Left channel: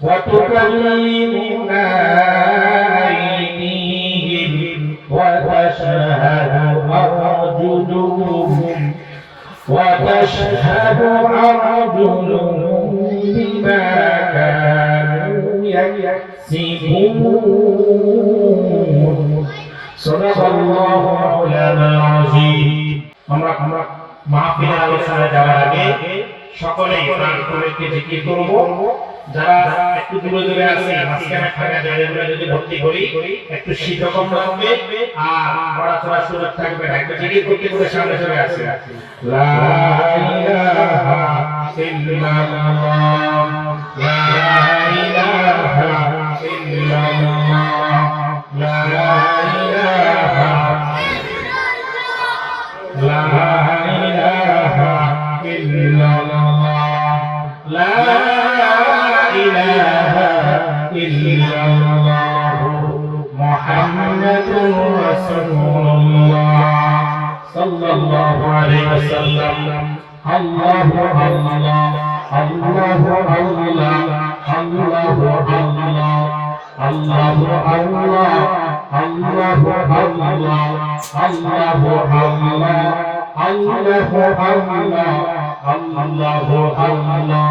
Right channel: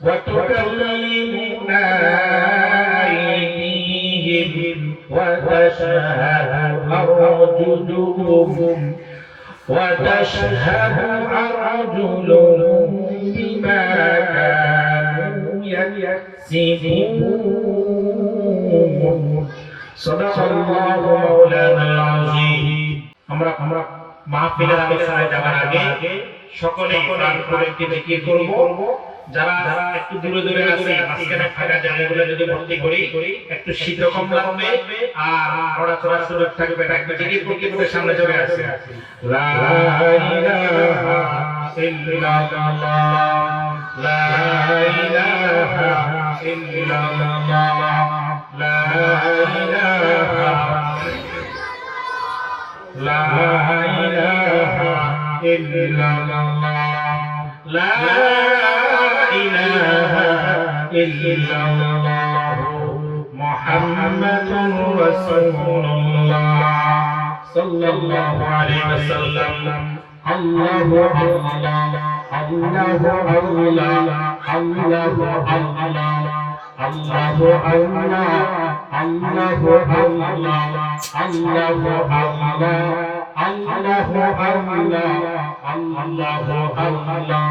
وتكلمنا أيديهم وتشهد أرجلهم بما كانوا يكسبون صدق الله مولانا العظيم আমরা মাহফিলের আলোচনায় যাওয়ার আগে সকলেই কোরআন খুলে জিকির করব যারা একটু দূরে দূরে আছে মাঝখানে ফাঁকা জায়গাগুলো যদি ভর্তি করি একটু শীত কম লাগবে আর বড় চড়া সুরত থাকবে একবার জিকির করতে করতে সামনে চলে আসে লা ইলাহা ইল্লাল্লাহ লা ইলাহা ইল্লাল্লাহ লা ইলাহা লা ইলাহা ইল্লাল্লাহ লা ইলাহা ইল্লাল্লাহ মুহাম্মাদুর রাসূলুল্লাহ সাল্লাল্লাহু আলাইহি ওয়াসাল্লাম আল্লাহু আল্লাহ আল্লাহু আল্লাহ আল্লাহু আল্লাহ আল্লাহু আল্লাহ আল্লাহু আল্লাহ আল্লাহু আল্লাহ আল্লাহু আল্লাহ আল্লাহু আল্লাহ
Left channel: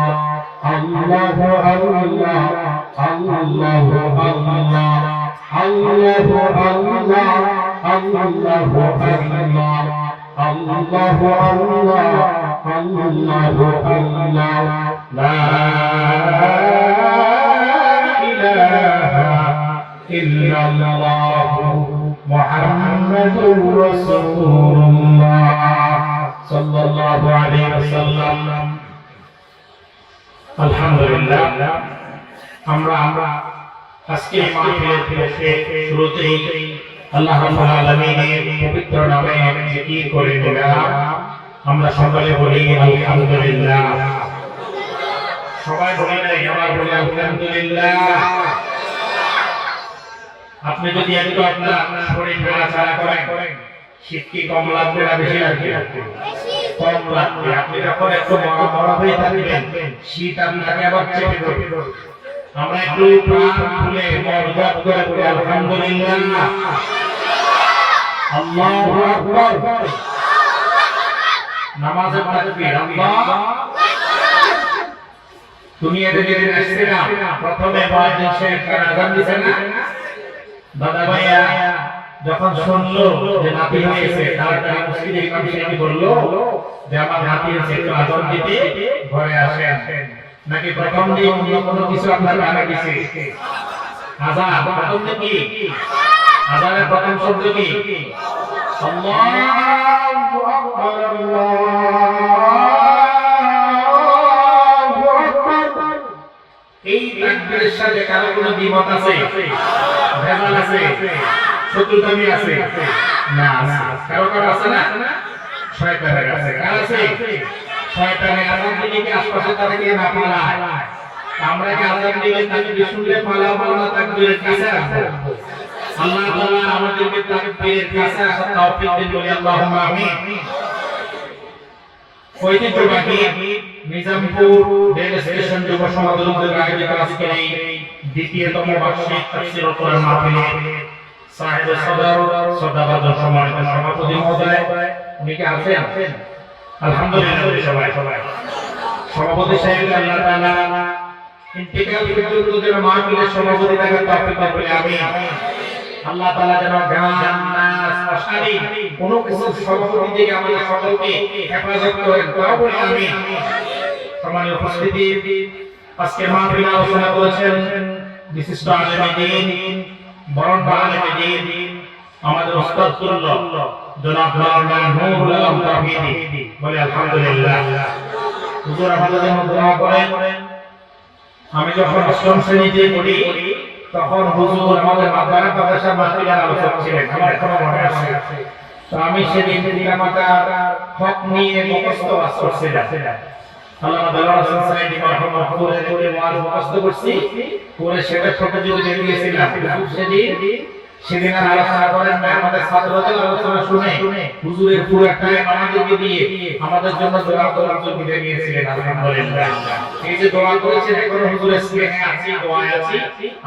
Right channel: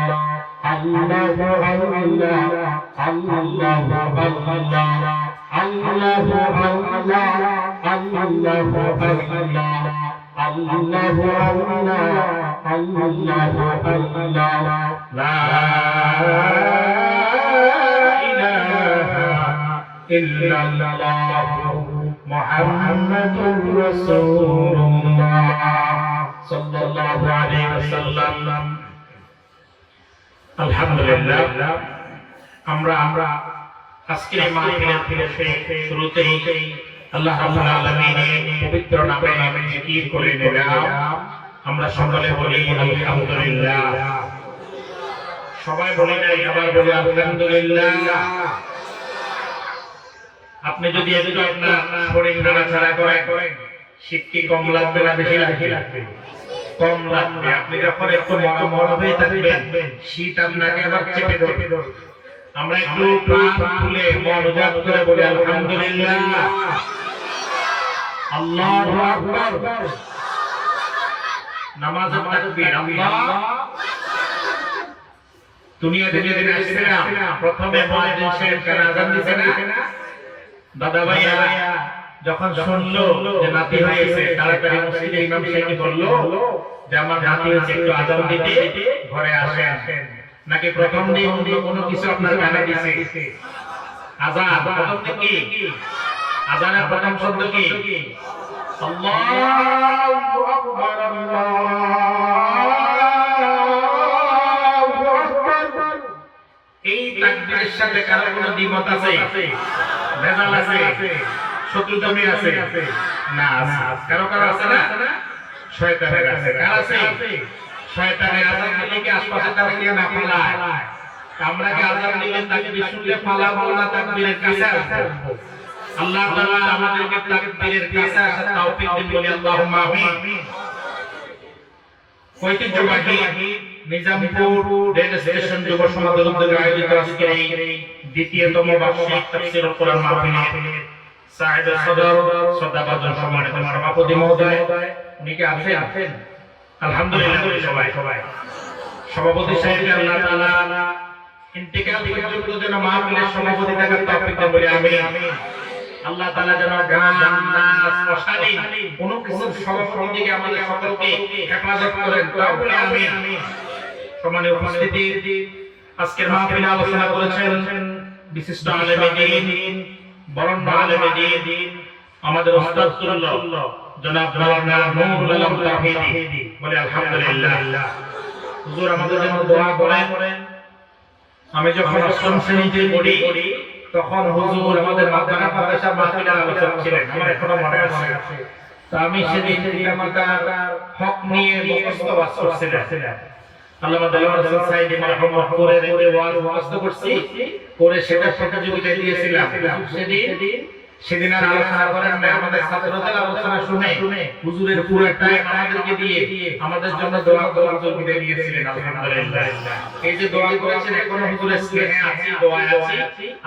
আল্লাহু আল্লাহ আল্লাহু আল্লাহ আল্লাহু আল্লাহ আল্লাহু আল্লাহ আল্লাহু আল্লাহ আল্লাহু আল্লাহ লা ইলাহা ইল্লাল্লাহ মুহাম্মাদুর রাসূলুল্লাহ সাল্লাল্লাহু আলাইহি ওয়াসাল্লাম আলহামদুলিল্লাহ আমরা আজকে মাহফিলের শুরুতেই আল্লাহ রাব্বুল আলামিনের পবিত্র নামে জিকির করে নিলাম আমরা সকলে বলি আলহামদুলিল্লাহ সবাই বলে সবাই বলে আলহামদুলিল্লাহ আপনি যদি একটু আপনার শরীর নাড়াচাড়া করেন শীত কি কম লাগবে না বেশি লাগবে কম লাগবে আপনি যখন একটু মরা হয়ে থাকবেন শীত আপনাকে আবার চেপে ধরবে আমরা একটু প্রাণ খুলে মনোযোগ করে বলি আলহামদুলিল্লাহ আল্লাহু আকবার নামাজে তাকবীর আল্লাহ দুনিয়া আসছে না প্রথমে বলে দেশের আযান দিছে না দাদা ভাইয়া যখন শুনলো যে নাতি হয়েছে তাড়াতাড়ি মসজিদে ইমাম সাহেব বললো যে আমার নাতি হয়েছে একটু আযান দিতে ঘরে আসেন নাকি প্রথম দিন কোনো কিছু আপনার জানা গেছে আযান প্রথম দিন কি আযানের প্রথম শব্দ কি আল্লাহু আকবার আল্লাহু আকবার এই তাকবীরের সাথে কারো কোনো দ্বিমত আছে ভেজাল আছে শত্রুতামি আছে না কারো আছে না শয়তানের আছে কার আছে শয়তানের আযান দিকে আশপাশে তারা কি না পালায় আমরা কি আযান দিলে তাকে শুনলে পালা তাকবীরের কাছে আসবো আল্লাহ তাআলা আমাদেরকে তাকবীরের কাছে আসার তৌফিক দিন বলি আল্লাহুম্মা আমিন ঐতিহ্যবাহী নিজামপুর রেল স্টেশন যুব সমাগম দলের আয়োজিত আজকের এই দ্বিতীয়তম বার্ষিক তাফসীরুল কোরআন মাহফিলে সাহেব সদর শ্রদ্ধাভাজন সম্মানিত সভাপতি মহোদয় উনি কি আছেন আলহামদুলিল্লাহ সবাই সভাপতি সাহেব আল্লাহ তাআলা ইন্তিকাল যেন মাহফিলের সভাপতি থাকার তৌফিক দান করেন আমিন আল্লাহ তাআলা যেন জান্নাত মশারি কোন সভাপতি থেকে আমাদের সকলকে হেফাজত করেন তৌফিক আমিন সম্মানিত উপস্থিতি আজকের মাহফিলে আলোচনা করেছেন বিশিষ্ট আলেমে দ্বীন বরণ আলেমে দ্বীন আমাদের উস্তাদ জনাব মাওলানা নুরুল আলম তাহিদি বলে আলহামদুলিল্লাহ হুজুর আমাদের জন্য দোয়া করেন আমি যখন অষ্টম শ্রেণীতে পড়ি তখন হুজুর আমাদের মাদ্রাসা মাহফিলে আলোচনা ছিলেন আমার এখনো মনে আছে তো আমি সেদিন মাতার হক নিয়ে মুখস্থ করছিলাম আল্লামা দেওয়ার সাইদ মাহমুদের ওয়াজ মুখস্থ করছি করে সেটা যদি দিয়েছিলাম সেদিন সেদিন আলোচনা করে আমরা আমাদের ছাত্রদের আলোচনা শুনে হুজুরের পুরো একটা আমাদেরকে দিয়ে আমাদের জন্য দোয়া করে দিয়েছিলেন। আলহামদুলিল্লাহ, এই যে দোয়া করেছেন কোন হুজুরের স্নেহে আছি, দোয়ায় আছি,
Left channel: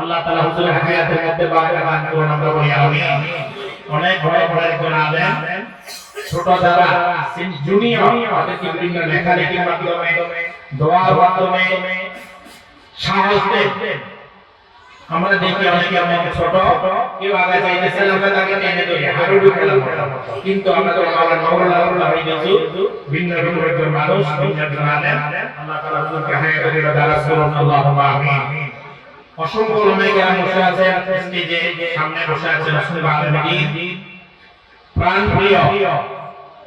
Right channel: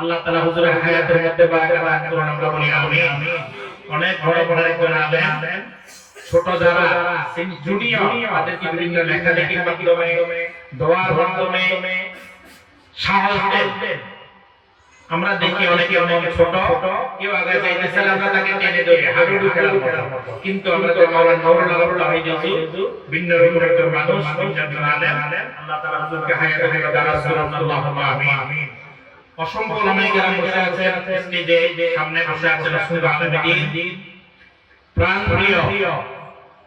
আল্লাহ তাআলা হুজুরের হায়াতের মধ্যে বারাকা দান করুন। আমরা বলি আমিন। অনেক বড় করে আলেম ছোট যারা জুনিয়র তাদেরকে বিভিন্ন লেখালেখির মাধ্যমে দোয়ার মাধ্যমে সাহস দেন। আমরা দেখি অনেকে ছোট কেউ আগে যাইতেছে আমরা তাকে টেনে ধরে হাঁটু ফেরার মতো, কিন্তু আমরা তো আমাদের মাওলানা হইতেছি ভিন্ন ভিন্ন একজন মানুষ আলেম। আল্লাহ তাআলা হুজুরকে হায়াতে দারাজ করুন। আল্লাহুম্মা আমিন। অসংখ্য ওলামায়ে বসে আছেন, যে সামনে বসে আছেন সুবহানাল দিন প্রাণপ্রিয়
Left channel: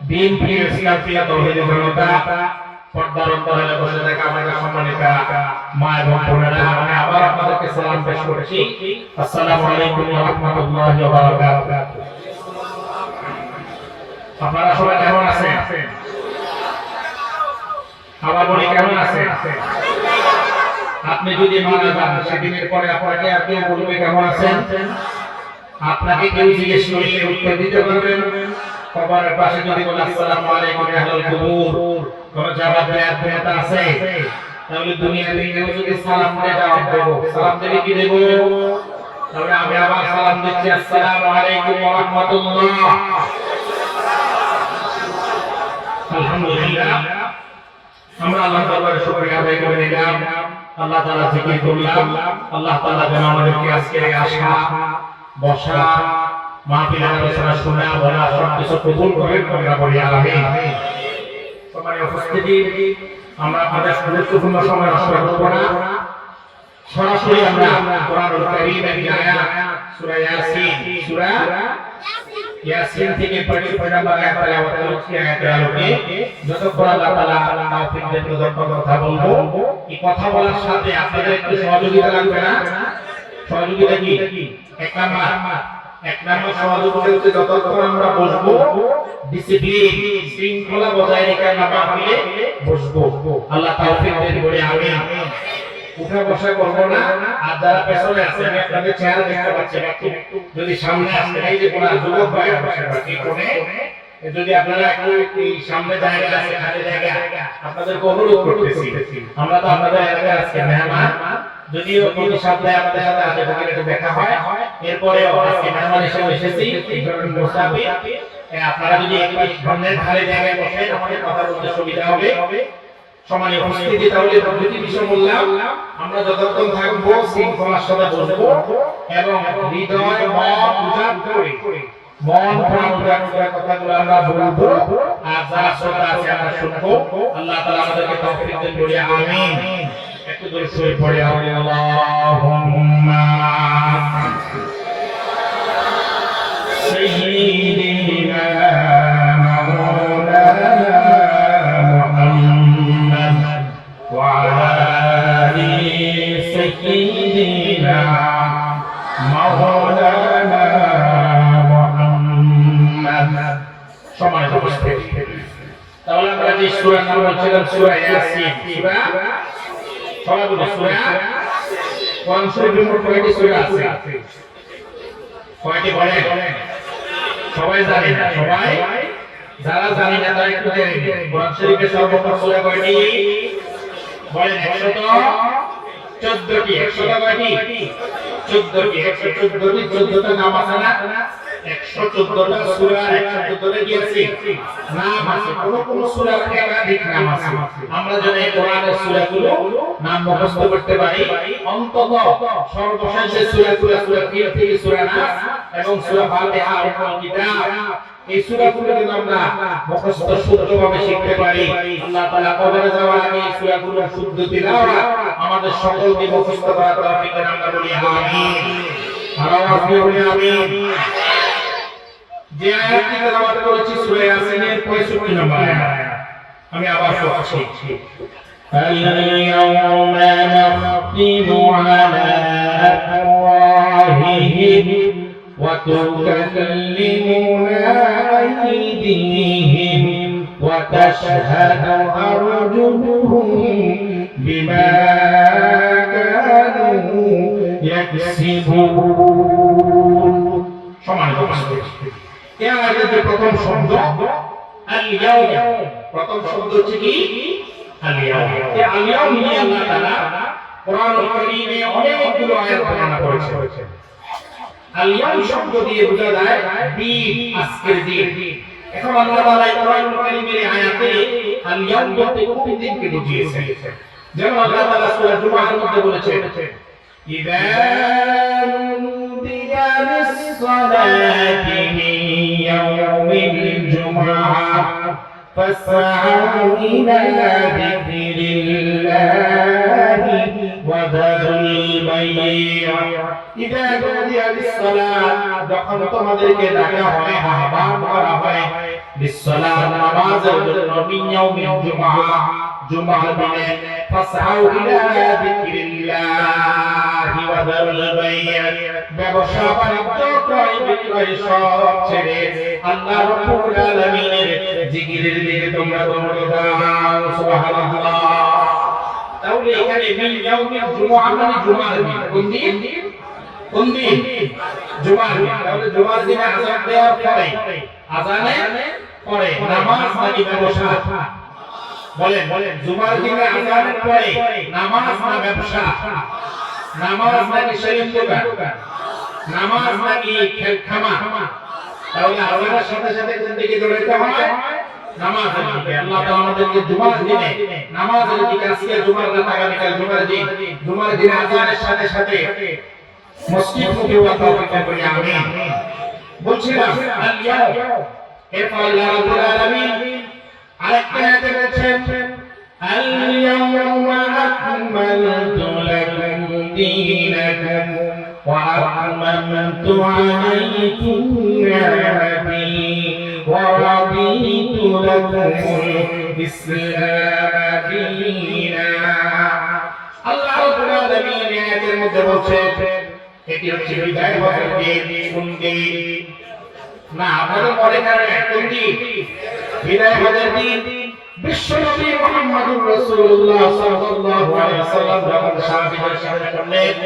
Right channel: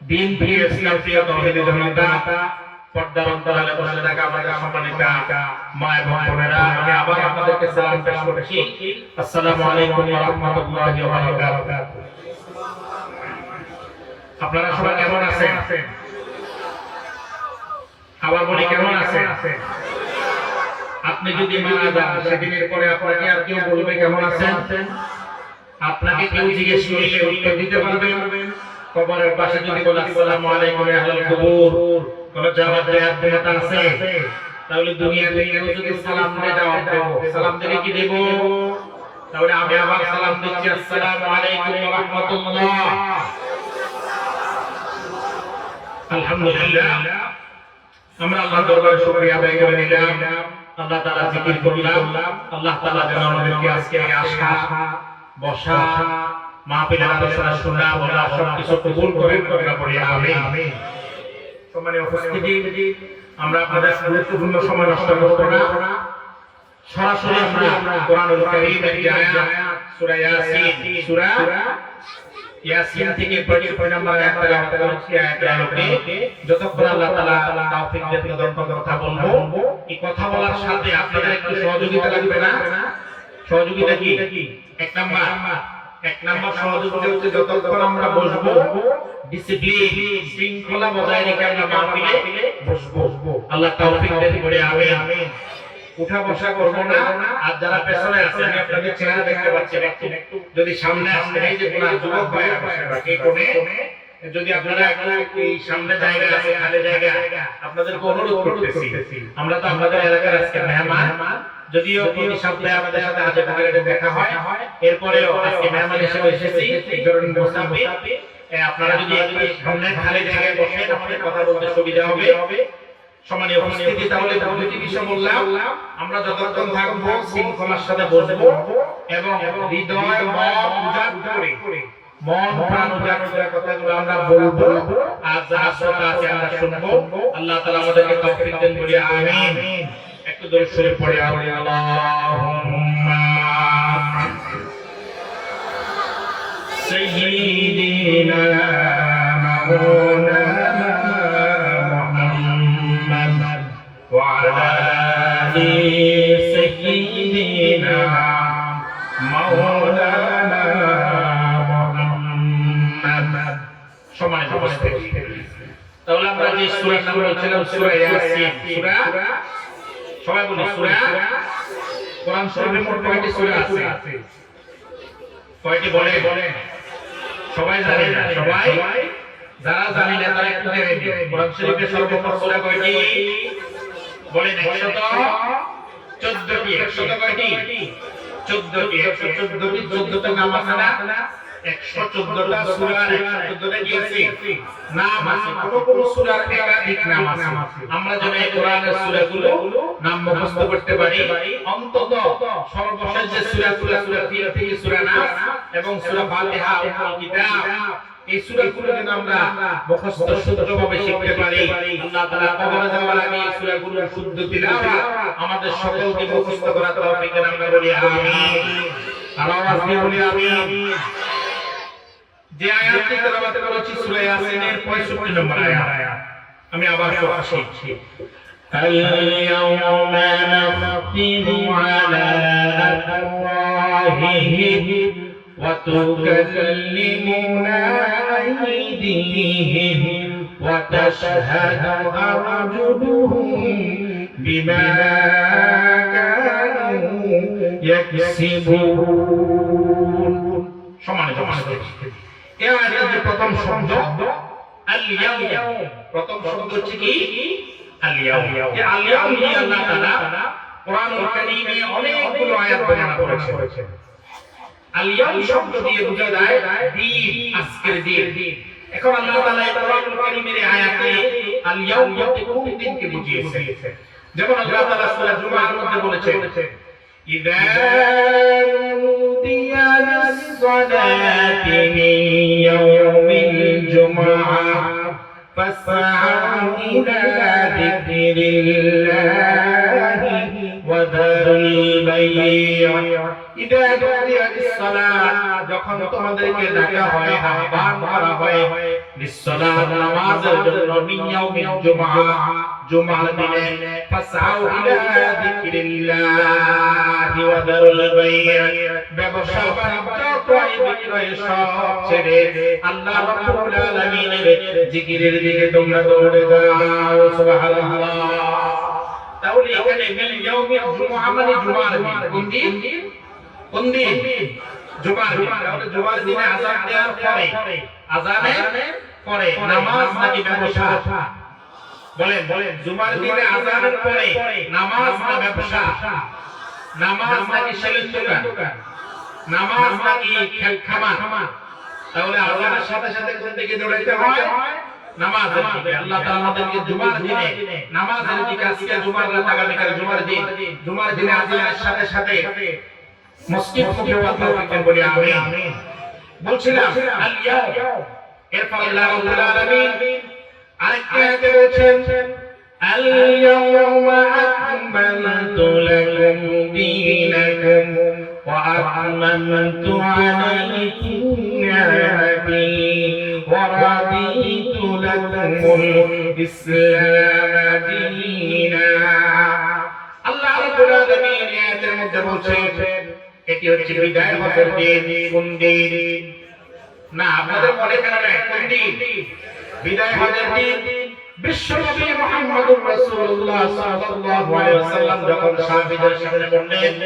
দিন প্রিয় ইসলাম প্রিয় তৌহিদ জনতা, পর্দার অন্তরালে বসে থাকা আমাদের সম্মানিতা মা এবং বোনেরা, আমি আবার আপনাদেরকে সালাম পেশ করছি। আসসালামু আলাইকুম ওয়া রাহমাতুল্লাহি ওয়া বারাকাতুহু। আপনারা সবাই কেমন আছেন? আবার বলি কেমন আছেন? আপনি যদি মারা যান সেদিনের পরে আপনাকে আর কেউ বলবে কেমন আছেন? আপনাকে কেউ জিজ্ঞেস করে উত্তর দিতে পারবেন? কবরের পাশে যদি বলি আসসালামু আলাইকুম আহলাল কুবুর, কোন জবাব দেওয়ার আছে? তাহলে দুনিয়াতে যদি সালাম দিয়ে জবাব দেব, সালাম দিয়ে কি দেব? তাহলে আমি আবার সালাম দিচ্ছি, আসসালামু আলাইকুম ওয়া রাহমাতুল্লাহ। আলহামদুলিল্লাহ, আমরা আল্লাহর দরবারে শুকরিয়া আদায় করে নিলাম, আল্লাহ তাআলা জিকির করলাম। আল্লাহ তাআলা যেন আমাদেরকে আজকে আসা বসা মাহফিল আলোচনা শোনা বলা সব কিছু কবুল করে বলি আমিন। সম্মানিত উপস্থিতি, আমরা আপনাদের গুরুত্বপূর্ণ সময় নষ্ট করব না, সরাসরি আমরা কোরআনুল কারীমের যে আয়াত সূরা ইয়াসিন থেকে পড়ে নাম্বার আয়াত করছি। আয়াতের আলোকে যতক্ষণ আল্লাহ তাআলা তৌফিক দেন ততক্ষণ কথা বলবো। এই কথা বলার সাথে আপনাদের একটু সহযোগিতা লাগবে না? সহযোগিতা কি? এক নাম্বার সহযোগিতা হচ্ছে যতক্ষণ আমরা বসবো ডিসিপ্লিন শৃঙ্খলা বজায় রেখে আমরা মাহফিলে বসবো। আল্লাহ তৌফিক দেন বলে আমিন। উঠা বসা করব না। আর যারা পেছনে আছেন আপনাকে চেহারা দেখতে পাচ্ছেন, একটু যদি সামনে আসতে এই যে কোন যুবক ভাই বাকি কোণে যদি আপনারা একটু সামনে জায়গা আছে খালি জায়গা আপনাদেরকে অনুরোধ করতেছি। আমরা তো আপনাদের এলাকায় আজকে মেহমান, যদিও প্রতি সপ্তাহে আমাদের সাথে আগে দেখা হয়, এরপরেও আজকে মেহমান হিসেবে এসেছি মুসাফির। আপনারা যদি একটু সামনে খালি জায়গায় বসেন তাহলে কথা বলতে সুবিধা হবে। সম্মানীয় উপস্থিতি, তাহলে কি বিষয় বললাম? আমরা যতক্ষণ থাকবো শৃঙ্খলার সাথে বসবো এবং হৃদয় মন প্রাণ কথাগুলো আমরা বলবো, আর যা শ্রোতা আছে আমরা শুনবো। আল্লাহ তাআলা আমাদেরকে তৌফিক দেন বলে আমিন। একটু দরুদ শরীফ পড়ে আল্লাহুম্মা সাইয়্যিদিনা তাহলে আমরা যে সূরা নাম হচ্ছে সূরা ইয়াসিন। সবাই বলুন সূরা। কোরআন শরীফের মধ্যে কয়টি সূরা আছে? কয়টি বলেন? সবাই জানে না? সবাই যারা জানে না তারা একটু জেনে কোরআন শরীফের সর্বমোট সূরা কয়টি বলেন? 114টি। 100 কয়টি? 14টি। 114টা নাম আছে না? 114টা সূরা 114টা কি আছে? নাম আছে। কোন সূরার একাধিক নাম আছে। আমরা যদি এই কোরআনের সূরাগুলো নাম মুখস্থ করতে পারি, অন্তত সর্বশেষ যে সূরা থেকে সূরা নাস এবং সূরা ফাতিহা আল কিতাব, এই সূরাগুলো যদি আমরা মুখস্থ শুদ্ধভাবে শিখতে পারি, আল্লাহ তাআলা কবরে যাওয়ার আগে এই সূরাগুলো শুদ্ধ তিলাওয়াত আমাদের সকলকে মুখস্থ করার তৌফিক দান আমরা বলি আমিন। আল্লাহু আমিন। যে আয়াতটি তেলাওয়াত করেছি সূরা ইয়াসিনের 65 নম্বর আয়াত, আমি আবার পড়ছি। اليوم نختم على أفواههم وتكلمنا أيديهم وتشهد أرجلهم بما كانوا يكسبون সমান সমান এই আয়াতের প্রথম শব্দ আল ইয়াউম প্রথম শব্দ হচ্ছে কি আল ইয়াউম এই আল ইয়াউম নিয়ে আল্লাহ তাআলা কোরআনুল কারীমে অনেকগুলো আয়াত বর্ণনা করেছেন আল ইয়াউম শব্দ দিয়ে বোঝা যায় দিন আজকের দিন এখন আল্লাহ তাআলা কোরআনুল কারীমের আয়াতে আল ইয়াউম বলতে কোন দিনকে বুঝিয়েছেন যেমন আল্লাহ তাআলা সূরা জুমার মধ্যে বলেছেন ইযা নুদিয়া লিস-সালাতি মিন ইয়াউমিল জুমআহ ফাসআউ ইলা যিকরিল্লাহি ওয়া দারুল বাই' ইযা নুদিয়া লিস-সালাত যখন তোমাদেরকে ডাকা হয় আহ্বান করা হয় লিস-সালাত নামাজের জন্য মিন ইয়াউমিল জুমআহ জুমার দিনে ফাসআউ ইলা যিকরিল্লাহি ওয়া দারুল বাই' ব্যবসা বাণিজ্য ক্রয় বিক্রয় সব ছেড়ে আল্লাহ রাব্বুল আলামিনের জিকিরের দিকে তোমরা দৌড়ে যাও সুবহানাল্লাহ তাহলে এখানে মিন ইয়াউমিল জুমআহ মানে জুমার দিন কোন দিন জুমার দিন তাহলে জুমার দিনে আযান দেওয়ার পরে আযানে পরে নামাজ নাকি ব্যবসা বলেন জুমার দিনে আযানের পরে নামাজ না ব্যবসা নামাজ নাকি সেলিম দোকান নামাজ নাকি খেলখামা তাহলে আল্লাহর সাথে সাথে জিন্দেগি জড়াইতে হয় নামাজ আল্লাহ তাআলা আমাদেরকে জুমার দিনে নামাজের দিকে আজকে জুমার রাত আগামীকাল জুমার দিনের সাথে সাথে মসজিদ মুখে ওয়াক্ত বলি আমিন বলছিলাম আল ইয়াউম এরপর আল্লাহ রাব্বুল আলামিন আরেকটা আয়াতে বলেছেন আল ইয়াউমা আকমালতু লাকুম দীনাকুম ওয়া আতমামতু আলাইকুম নি'মাতি ওয়া রাদিতু লাকুমুল ইসলাম দীনা আল্লাহ রাব্বুল আলামিন এই আয়াতের মধ্যে বলেছেন এটি হচ্ছে বিদায় বছর কোন দিন না আমাদের পরে কোন দিন বিদায় বছর দিন বিশ্বনবী মুহাম্মদুর রাসূলুল্লাহ সাল্লাল্লাহু আলাইহি ওয়াসাল্লাম যখন সাহাবীদের করলেন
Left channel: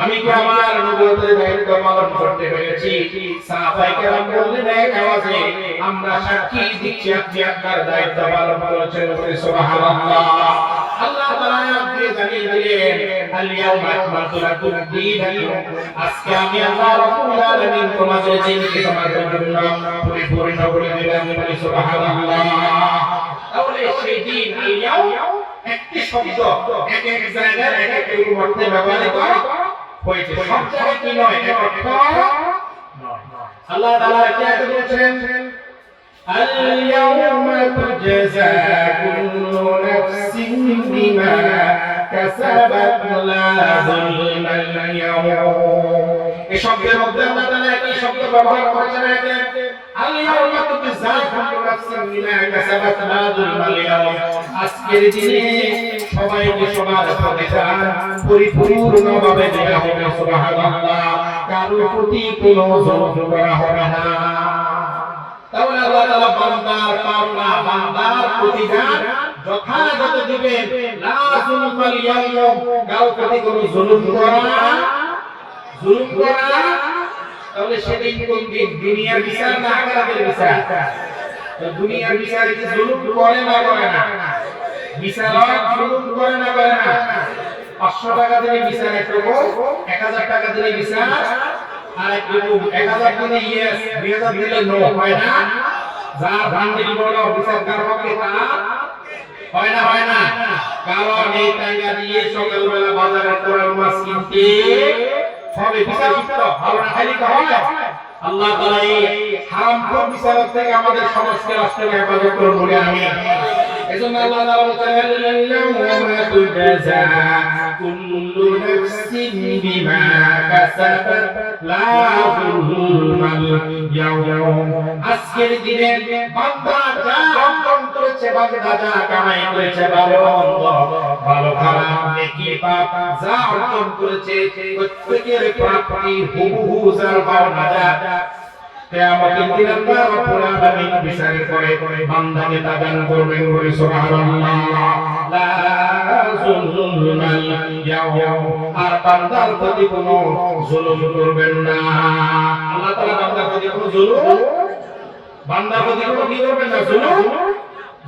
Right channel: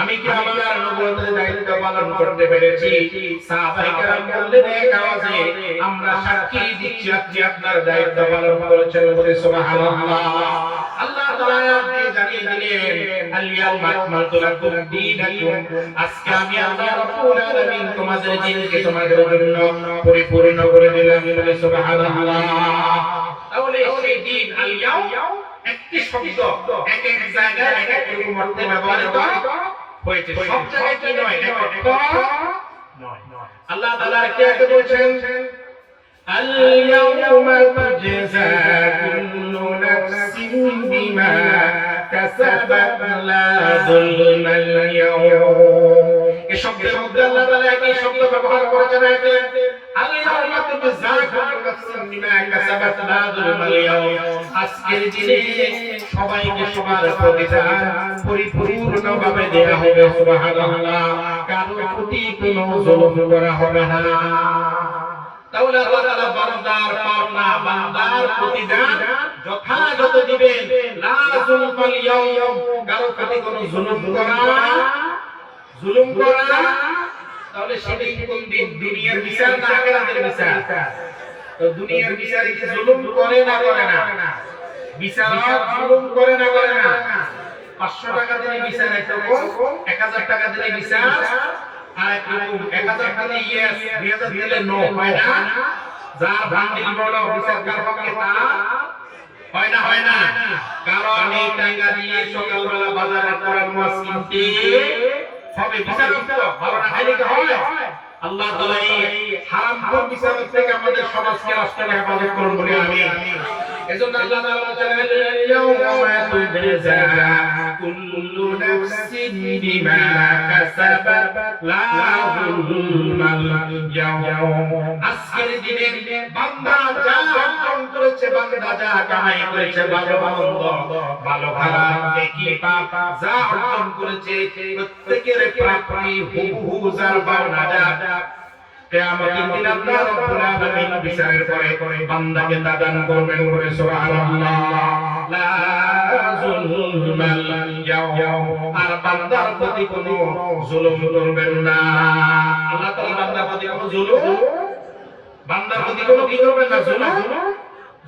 আমি কি আমার নবুয়তের দায়িত্ব পালন করতে পেরেছি সাহাবায়ে কেরাম বললেন এক আওয়াজে আমরা সাক্ষী দিচ্ছি আপনি আপনার দায়িত্ব পালন করেছেন বলে সুবহানাল্লাহ আল্লাহ তাআলা জানিয়ে দিলেন আল ইয়াউমা আকমালতু লাকুম দীনাকুম আজকে আমি আল্লাহ রাব্বুল আলামিন তোমাদের দিনকে তোমাদের জন্য পরিপূর্ণ করে দিলাম বলে সুবহানাল্লাহ তাহলে সেই দিন আল ইয়াউম একটি শব্দ এক এক জায়গায় এক এক অর্থে ব্যবহৃত হয়েছে সব জায়গায় কি নয় এক এক নয় আল্লাহ তাআলা কি আয়াতে বলেছেন আল ইয়াউমা তুজজা কুল্লু নাফসিন বিমা কাসাবাত লা যুলমা আল ইয়াউম এই শব্দ আল্লাহ তাআলা কি শব্দ ব্যবহার করেছেন এতে আল ইয়াউমা তুজজা কুল্লু নাফসিন বিমা কাসাবাত লা যুলমা আল ইয়াউম আজকের দিনে সবাইকে সবার প্রতিদান পরিপূর্ণভাবে দেওয়া হবে সুবহানাল্লাহ কারো প্রতি কোনো জুলুম করা হবে না তাহলে আল্লাহ তাআলা বান্দার পাওনা বান্দার প্রতিদান যথাযথ দিবেন লা যুলমাল ইয়াউম কারো প্রতি কোনো জুলুম করা তাহলে সেটাই কোন দিন দুনিয়ার বিচার না আখিরাতের বিচার তো দুনিয়ার বিচার কি জুলুম করে না বিচার জুলুম করে না 500 টাকা দিলে বিচার একরকম 1000 টাকা দিলে বিচার আর একটু 1000 টাকা দিয়ে 2000 দিলে নো হয় না যা বান্দি বড় অফিসার কারকে তা হয় না কারণ এই টাকা দিয়ে সকালবেলা বাজার করার মাছ কিনতে হবে বিচার ভালো না খাইলে তো হয় আল্লাহ তাআলা এই হারাম কোন বিচার থেকে আমাদের সমাজকে নষ্ট হেফাজত করুন বলে আমি এজন্য আল্লাহ তাআলা বলেন ইয়াউমা তুজজা কুল্লু নাফসিন বিমা কাসাবাত লা যুলমাল ইয়াউম আজকের দিনে বান্দা যা অর্জন করেছে বান্দা যা কামাই করেছে ভালো ভালো খারাপ নেকি পাপ যা অর্জন করেছে প্রত্যেকের প্রাপ্তি হুবহু যার পাওনা কিয়ামতের দিন আল্লাহ রাব্বুল আলামিন বিচারের পরে বান্দাকে দান করবেন বলে সুবহানাল্লাহ লা যুলমাল ইয়াউম আর বান্দার প্রতি কোনো জুলুম করবেন না। আল্লাহ তাআলা বান্দার প্রতি কোনো জুলুম, বান্দার প্রতি কোনো কি করবেন না?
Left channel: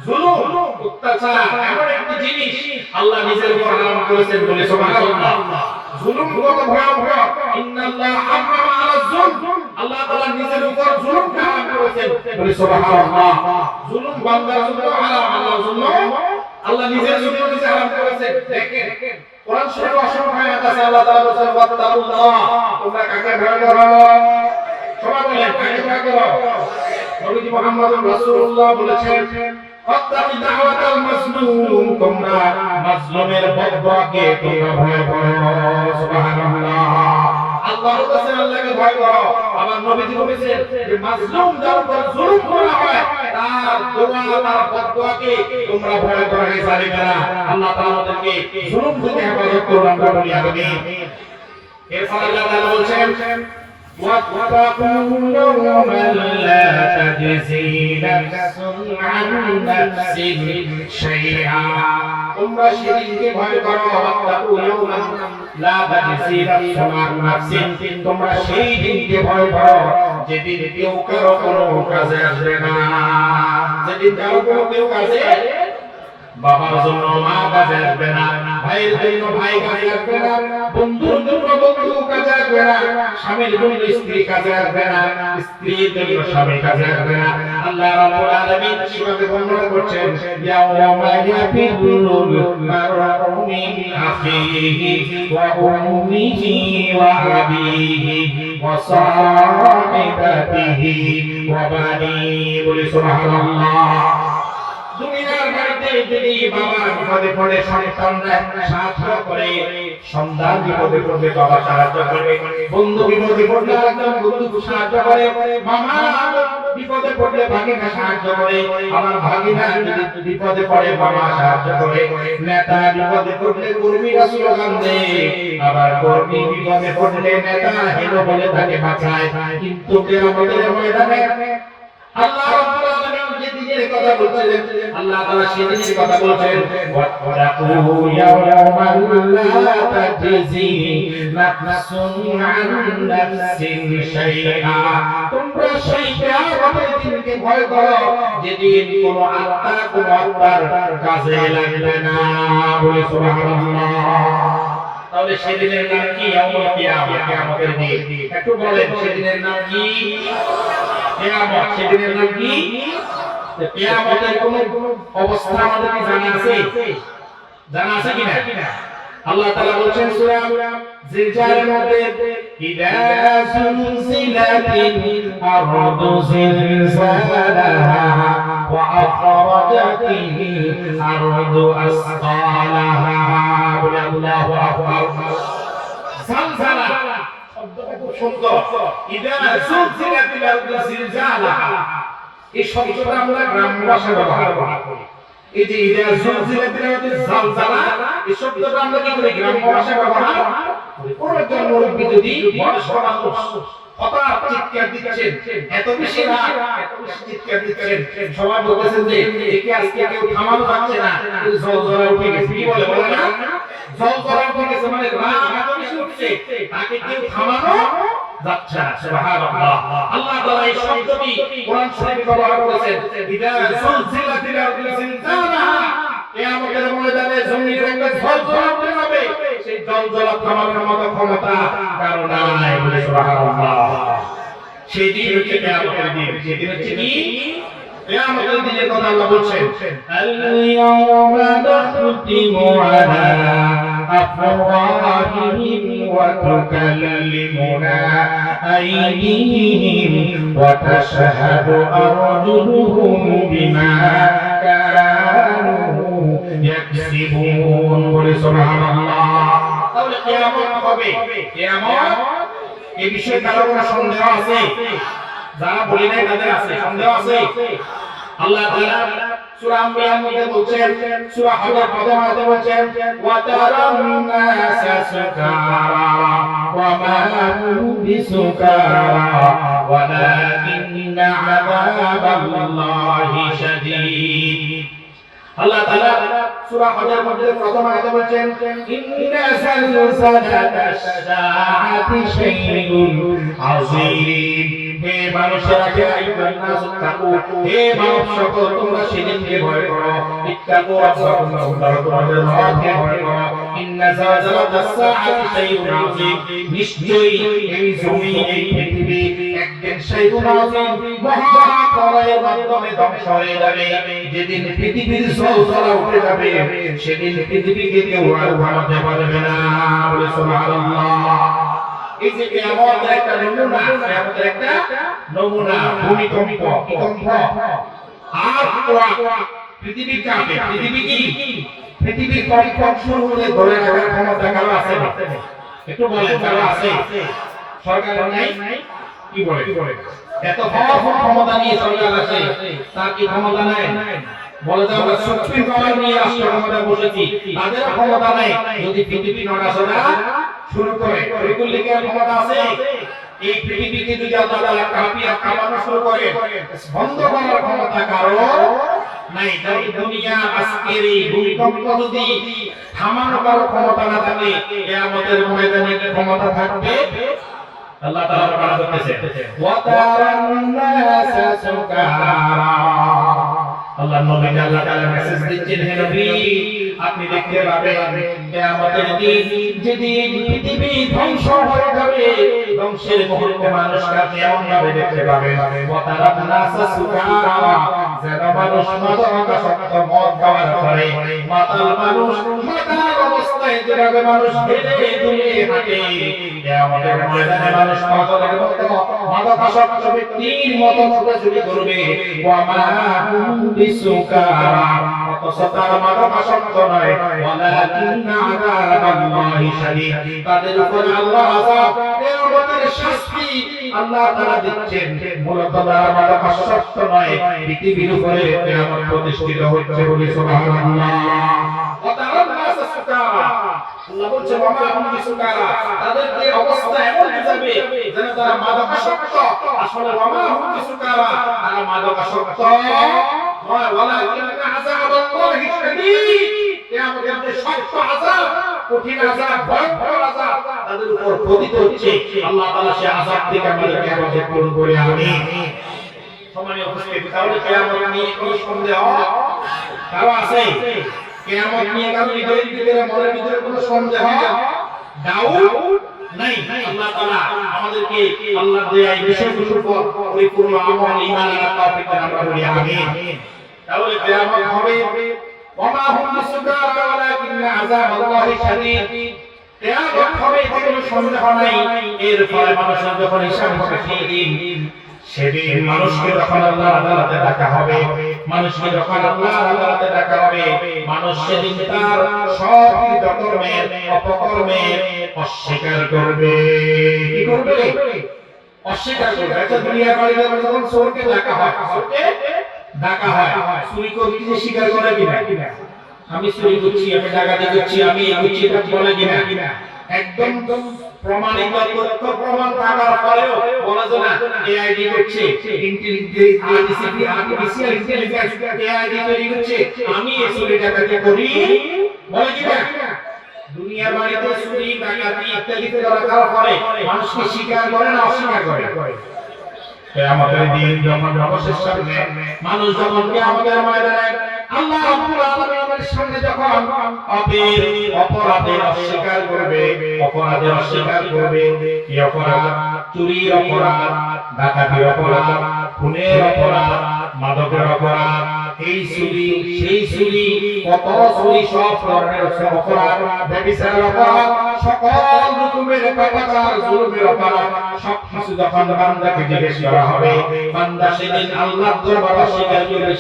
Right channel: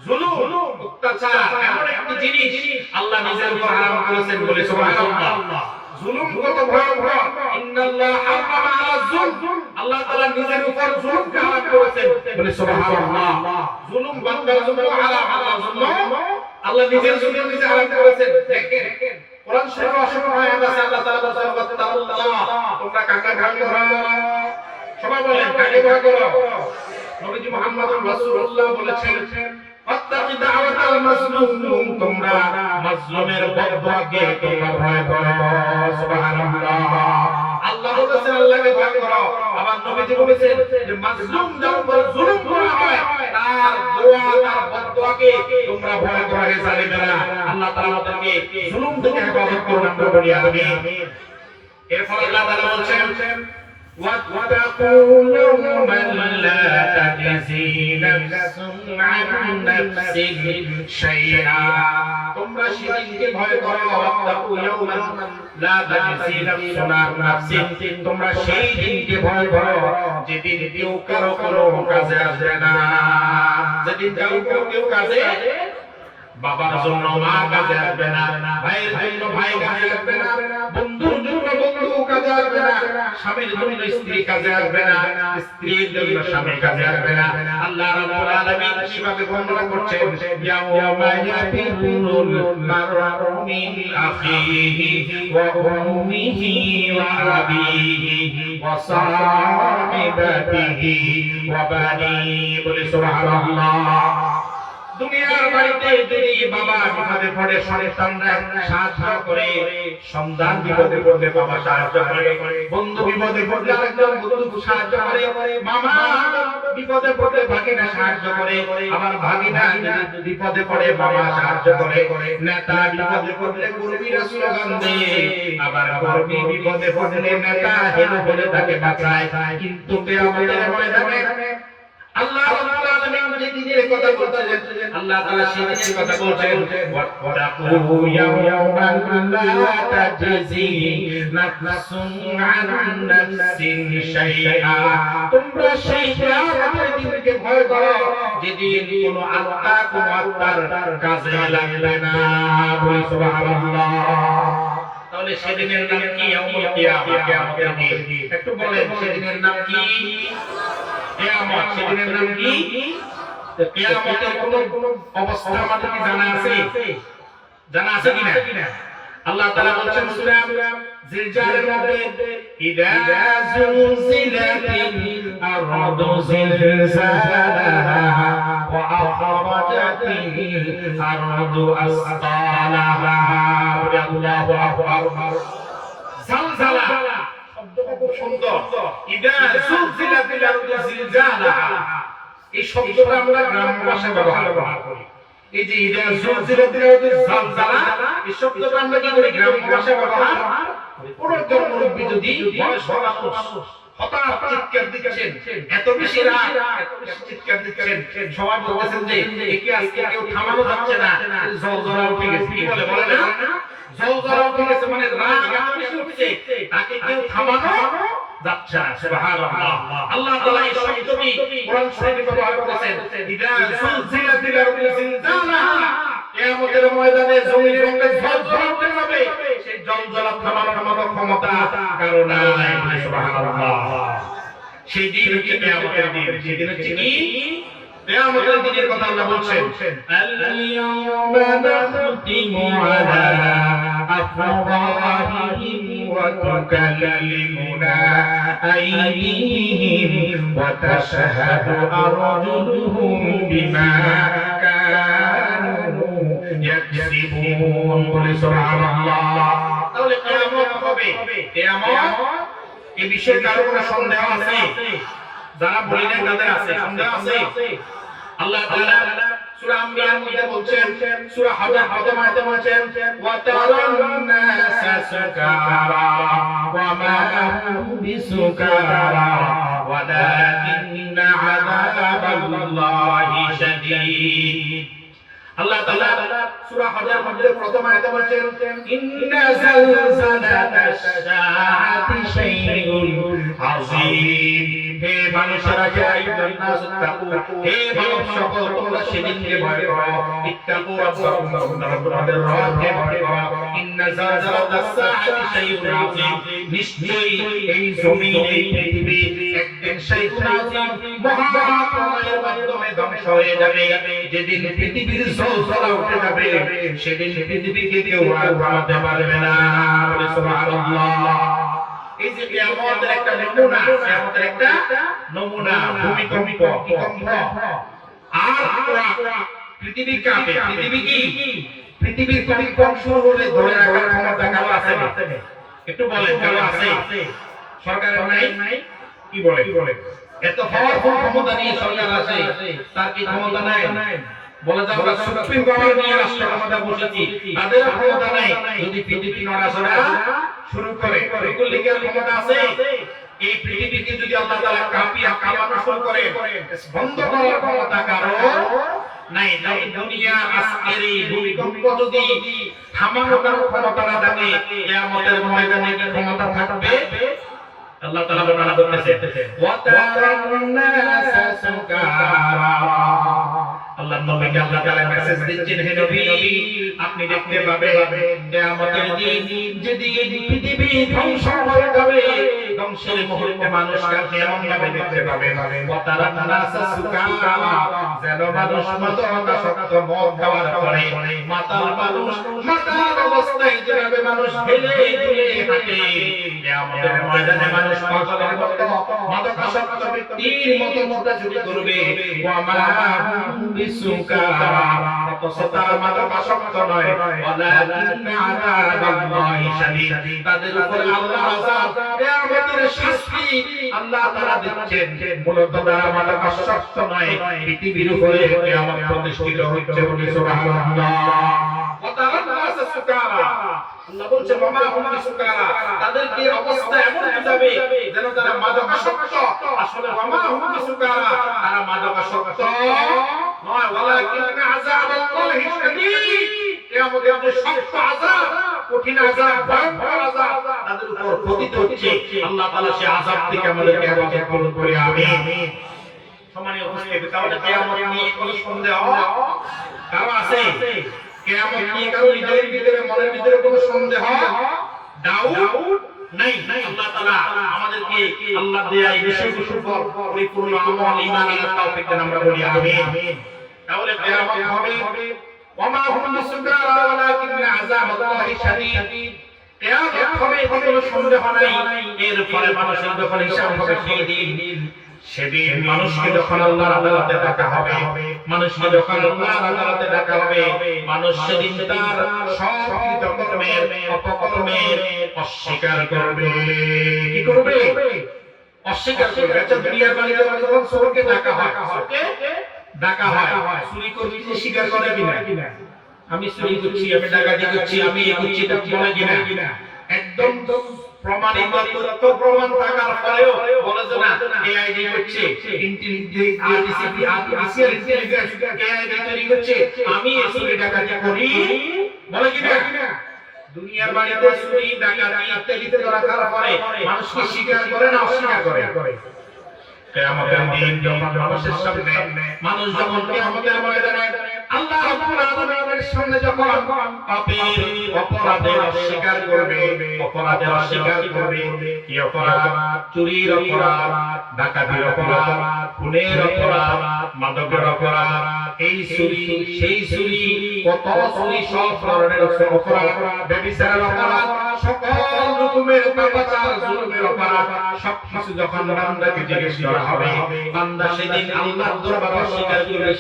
জুলুম, অত্যাচার এমন একটা জিনিস আল্লাহ নিজের উপর হারাম করেছেন বলে সুবহানাল্লাহ। জুলুম কত ভয়াবহ! ইন্নাল্লাহা হারামা আলা যুলম, আল্লাহ তাআলা নিজের উপর জুলুম হারাম করেছেন বলে সুবহানাল্লাহ। জুলুম বান্দার জন্য হারাম, আলা যুলম আল্লাহ নিজের জন্য নিজে হারাম করেছেন। দেখেন কোরআন শরীফে অসংখ্য আয়াত আছে, আল্লাহ তাআলা বলেন ওয়াত্তাকুল্লাহ, তোমরা কাকে ভয় করো? সবাই বলেন কাকে ভয় করো? নবী মুহাম্মদ রাসূলুল্লাহ বলেছেন ওয়াত্তাকি দাওয়াতাল মাজলুম, তোমরা মাজলুমের বদদোয়াকে তোমরা ভয় করো। সুবহানাল্লাহ। আল্লাহ বলেছেন আল্লাহকে ভয় করো, আবার নবীজি বলেছেন যে মাজলুম যার উপর জুলুম করা হয় তার দোয়া তার বদদোয়াকে তোমরা ভয় করো। হে জালিমেরা, আল্লাহ তাআলা তোমাকে জুলুম থেকে হেফাজত করুন বলি আমিন। এরপর আল্লাহ তাআলা বলেন واتقوا يوما لا تجزي نفس عن نفس شيئا, তোমরা সেদিনকে ভয় করো। ওয়াত্তাকু ইয়াওমান লা তাজজি নাফসুন আন নাফসিন, তোমরা সেই দিনকে ভয় করো যেদিন কেউ কারো কোনো কাজে আসবে না। যেদিন কেউ কাজে, বাবার জন্য মা কাজে আসবে না, ভাইয়ের জন্য ভাই কাজে আসবে না, বন্ধুর জন্য বন্ধু কাজে আসবে না, স্বামীর জন্য স্ত্রী কাজে আসবে না, স্ত্রীর জন্য স্বামী কাজে আসবে না। আল্লাহ রাব্বুল আলামিন কিভাবে বর্ণনা করছেন, ইয়াওমা ইয়াফিরুল মার'উ মিন আখিহি ওয়া উম্মিহি ওয়া আবিহি ওয়া সাহিবাতিহি ওয়া বানিহি, বলে সুবহানাল্লাহ। দুনিয়ার বাড়িতে যদি বাবা বিপদে পড়ে সন্তানরা সাহায্য করে, সন্তান বিপদে পড়লে বাবা সাহায্য করে, বন্ধু বিপদে পড়লে একজন বন্ধু সাহায্য করে, মামা বিপদে পড়লে ভাগিনা সাহায্য করে, আমার ভাগিনা বিপদে পড়ে মামা সাহায্য করে, নেতা বিপদে পড়লে কর্মীরা স্লোগান দেয়, আবার কর্মী বিপদে পড়লে নেতা হেলো বলে তাকে বাঁচায়। কিন্তু কিয়ামতের ময়দানে আল্লাহ রাব্বুল আলামিন নিজের কথা বলছেন, আল্লাহ তাআলা সেদিনের কথা বলছেন ওয়াত্তাকু ইয়াওমান লা তাজজি নাফসুন আন নাফসিন শাইআ, তোমরা সেই কিয়ামতের দিনকে ভয় করো যেদিন কোনো আত্মা কোনো আত্মার কাজে লাগবে না। বলে সুবহানাল্লাহ। তাহলে সেদিনের নাম কি? ইয়াউমুল কিয়ামত, কিয়ামতের দিন। একটু বলেন সেদিনের নাম কি? কিয়ামত। সেদিনের নাম কি? কিয়ামতের কোন অবস্থা আমাদের জানা আছে? জানা আছে কিনা? আল্লাহ তাআলা বলেন সূরা জিলজালের মধ্যে, ইযা সুলসিলাতিল আরদু জিলজালাহা ওয়া আখরাজাতিল আরদু আসকালাহা। আল্লাহু আকবার। জালজালা শব্দটা খুব সুন্দর। ইযা সুলসিলাতিল আরদু জিলজালাহা, এই শব্দটা আমরা গ্রাম্য ভাষায় ব্যবহার করি। এই যে ইদা জুলজিলাতিল আরদু জালজালা, এই শব্দটা আমরা কি করি? গ্রাম্য ভাষায় ব্যবহার করি। কোন একজন মুরব্বি যদি বয়স মানুষ হঠাৎ চিৎকার দিচ্ছেন, এত বেশি রাগ, এত বেশি চিৎকার দিচ্ছেন, সবাই বলছেন যে একে আজকে কেউ থামানো যাচ্ছে না, জলজলা উঠে গেছে, বলে না জলজলা উঠে গেছে, মানে রাগ এত বেশি উঠছে, তাকে কেউ থামানো যাচ্ছে না। সুবহানাল্লাহ। আল্লাহ তাআলা এই শব্দটি কোরআন শরীফে ব্যবহার করেছেন, ইদা সুলসিলাতিল আরদু জিলজালাহা, কিয়ামতের ময়দানে জমি জঙ্গলে ঝলঝল করে যাবে, সেই জলজলা থামানোর ক্ষমতা কারো নাই। সুবহানাল্লাহ। সেই দিন হচ্ছে কিয়ামতের দিন। সেদিন হচ্ছে কি? কিয়ামতের দিনের কথা আল্লাহ বলছেন, আল-ইয়াওমা নাখতিমু আলা আফওয়াহিহিম ওয়া তুকাল্লিমুনা আইদিহিম ওয়া তাশহাদু আরজুলুহুম বিমা কানু ইয়াকসিবুন। বলে সুবহানাল্লাহ। তাহলে কিয়ামত হবে। কিয়ামত এই বিষয়ে কারো কোনো সন্দেহ আছে? যারা বলি নাই তাদের আছে সন্দেহ আছে? আল্লাহ তাআলা সূরা আম্বিয়ার মধ্যে বলছেন, সূরা হাদা মধ্যে বলছেন, ওয়া তারান নাসা সুকারা ওয়া মা হুম বিসুকারা ওয়ালাকিন্না আযাবাল্লাহি শাদীদ। আল্লাহ তাআলা সূরা হজের মধ্যে প্রথম আয়াতে বলেন ইন্না যালজালাতাশ শাআতি শাইউন আযীম। হে মানুষেরা হে আইয়ুহান নাস তাকু, হে মানব সকল তোমরা সেদিনকে ভয় করো। ইত্তাকু রাব্বাকুম, তোমাদের রবকে ভয় করো। ইন্না যালজালাতাশ শাআতি শাইউন আযীম। নিশ্চয়ই এই জমি এই পৃথিবী একদিন শাইউন আযীম মহা প্রলয়ের মাধ্যমে ধ্বংস হয়ে যাবে। যেদিন পৃথিবীর জলজলা উঠে যাবে সেদিন পৃথিবীকে কেউ আর ঘামাতে পারবে না। বলে সুবহানাল্লাহ। এই যে কিয়ামতের একটা নমুনা, কিয়ামতের একটা নমুনা, ভূমিকম্প আর পৃথিবীর কাঁপে। পৃথিবী কি? পৃথিবীর কম্পন হলে ধরে রাখার ক্ষমতা কারো আছে? একটু বলেন কারো আছে? সরকার নাই? কি বলে? এত ক্ষমতা নিয়ে সরকার আছে, তার কি ক্ষমতা নাই? বলে যে আমরা সুপ্রিম পাওয়ার নিয়ে রাষ্ট্র ক্ষমতা বসেছি, তাদের ক্ষমতা নাই। যদি পৃথিবী নড়াচড়া শুরু করে রিপাবলিকের ক্ষমতা আছে। এই পৃথিবীকে যদি আল্লাহ তাআলা কাঁপানো শুরু করে বন্ধ করার ক্ষমতা কারো নাই। দুনিয়া আজকের এই ভূমিকম্প যদি থামানোর ক্ষমতা না থাকে, কিয়ামতের ময়দানে ক্ষমতা থাকবে? আল্লাহ তাআলা বর্ণনা করতেছে ওয়া তারান্নাসা সুকারা। আল্লাহ নবী আল্লাহ তাআলা মেসেজ দিচ্ছেন, হে নবী আপনি দেখতে পাবেন কিয়ামতের দিন যেদিন পৃথিবী ধ্বংস হয়ে যাবে, ধ্বংসের মুহূর্তে মানুষরা কেমন ভাবে দেখতে পাবে। ওয়া তারান্নাসা সুকারা, যেন মানুষ মাদকাসক্ত মদ খাওয়ার পরে মাতাল মানুষ মাতাল অবস্থায় যেভাবে মানুষ হেলে দুলে হাঁটে, কিয়ামতের ময়দানে মানুষ পাগলের মতো মাদকাসক্ত ব্যক্তির মতো শুরু করবে। ওয়া মা বিসুকারা, তার মাদকাসক্ত নয়, ওয়ালাকিন আযাবাল্লাহি শাদীদ, তাদের উপর আল্লাহর আযাব কিয়ামতের শাস্তি আল্লাহ তাআলা দিচ্ছেন। মূলত তারা মাদকাসক্ত নয়, পৃথিবীর উপরে কিয়ামত প্রতিষ্ঠিত হচ্ছে। বলে সুবহানাল্লাহ। ওয়া তারান্নাসা সুকারা, আল্লাহ বলছে ওয়া মা হুম বিসুকারা, তাদের কি অবস্থা এমন যাবে যেন তারা মাদকাসক্ত। আসলে ওয়া মা হুম বিসুকারা, তারা মাদকাসক্ত নয়, ওয়ালাকিন আযাবাল্লাহি শাদীদ, কিয়ামতের যে শক্ত আযাব, কঠিন আযাব, ভয়ঙ্কর আযাব তাদের উপর পতিত হচ্ছে। আল্লাহ তাআলা সেই আযাব থেকে আমাদেরকে হেফাজত করুন বলে আমিন। সম্মানীয় উপস্থিতি, তাহলে কিয়ামত নিয়ে কি সন্দেহ কারো আছে? কিয়ামত নিয়ে কারো হৃদয়ের ভিতরে মনের ভিতরে কোনো সন্দেহ ডাউট নাই? আল্লাহ তাআলা আমাদেরকে আল্লাহ দেয়া এই বিষয়গুলোর উপর পরিপূর্ণ আমল ঈমান আনার তৌফিক দান আমরা বলি আমিন। তাহলে কিয়ামত হবে ওয়া মা হুম বিসুকারা ওয়ালাকিন আযাবাল্লাহি শাদীদ, কিয়ামত হবে কোনো সন্দেহ নাই। এরপরে মানুষের যখন হিসাব দিন, সেদিন মানুষকে যখন আল্লাহর আদালতে ডাকা হবে, মানুষকে যখন আল্লাহর আদালতে ডাকা হবে, মানুষ সেদিন তার সব কর্মের অপকর্মের অস্বীকার করবে। কি করবে? অস্বীকার করবে। আচ্ছা, দুনিয়ার বাইরে যখন চোরকে ডাকা হয়, চুরি করতে স্বীকার করে কিনা? আমি চুরি করছি, আমি ডাকাতি করছি, আমি এই করছি, এটা বলে কিনা? একদম প্রমাণিত তথ্য প্রমাণ থাকার পরেও বলা যায় না এআইডি হচ্ছে আর্টিফিশিয়াল ইন্টেলিজেন্স, এআইডি তৈরি হচ্ছে, আমি এই ডাকাতি করি বলে কিনা? দুনিয়ার বাইরে চুরি ডাকাতি ইত্যাদি করার পরে মানুষকে স্বীকার করে না অস্বীকার করে? কিয়ামতের দিন যখন মানুষের সামনে মানুষ যখন কিয়ামতের ময়দানে আল্লাহ রাব্বুল আলামিনের সামনে যখন অপরাধের অস্বীকার করবে, অপরাধের অস্বীকার করবে, কি অপরাধ? চুরির অপরাধ, ডাকাতির অপরাধ, খুনের অপরাধ, মাদকের অপরাধ, এই চুরি সেই চুরি, কত চুরি, সব ধরনের অপরাধ, ব্যভিচারের অপরাধ, সকল রকমের অপরাধ, জুলুমের অপরাধ, সব কিছু যখন বান্দাকে জিজ্ঞেস করা হবে, বান্দা সেদিন আল্লাহর দরবারে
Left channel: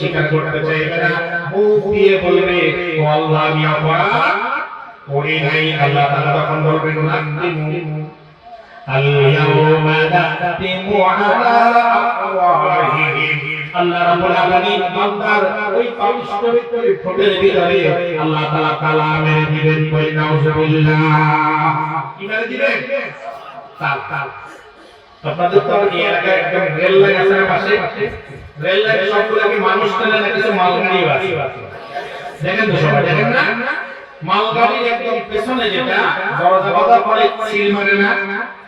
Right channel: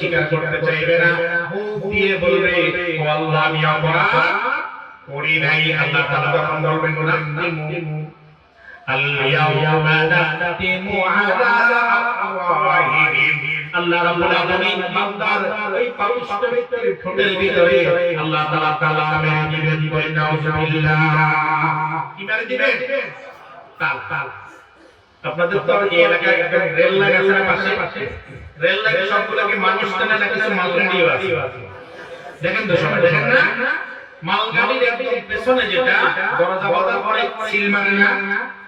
স্বীকার করতে চাইবে না, মুখ দিয়ে বলবে ও আল্লাহ আমি অপরাধ করি নাই। আল্লাহ তাআলা তখন বলবেন আল-ইয়াওমা নাখতিমু আলা আফওয়াহিহিম, আল্লাহ রাব্বুল আলামিন বান্দার ওই পবিত্র ঠোঁটের ভিতরে আল্লাহ তাআলা কালামে দিবেন, কই নাউজুবিল্লাহ। কি মেরে দিবেন? তাল। আপনাদের তো এই এলাকায় একটা রেল লাইন আছে পাশে, রেল লাইন সবগুলোকে মানুষ টানে না কিছু মালুম দিয়ে আছে। দেখেন তো সবাই, দেখেন না মালগাড়ির একদম পেছনে যেটা দরজা বাঁধা পরে সিল মারে না,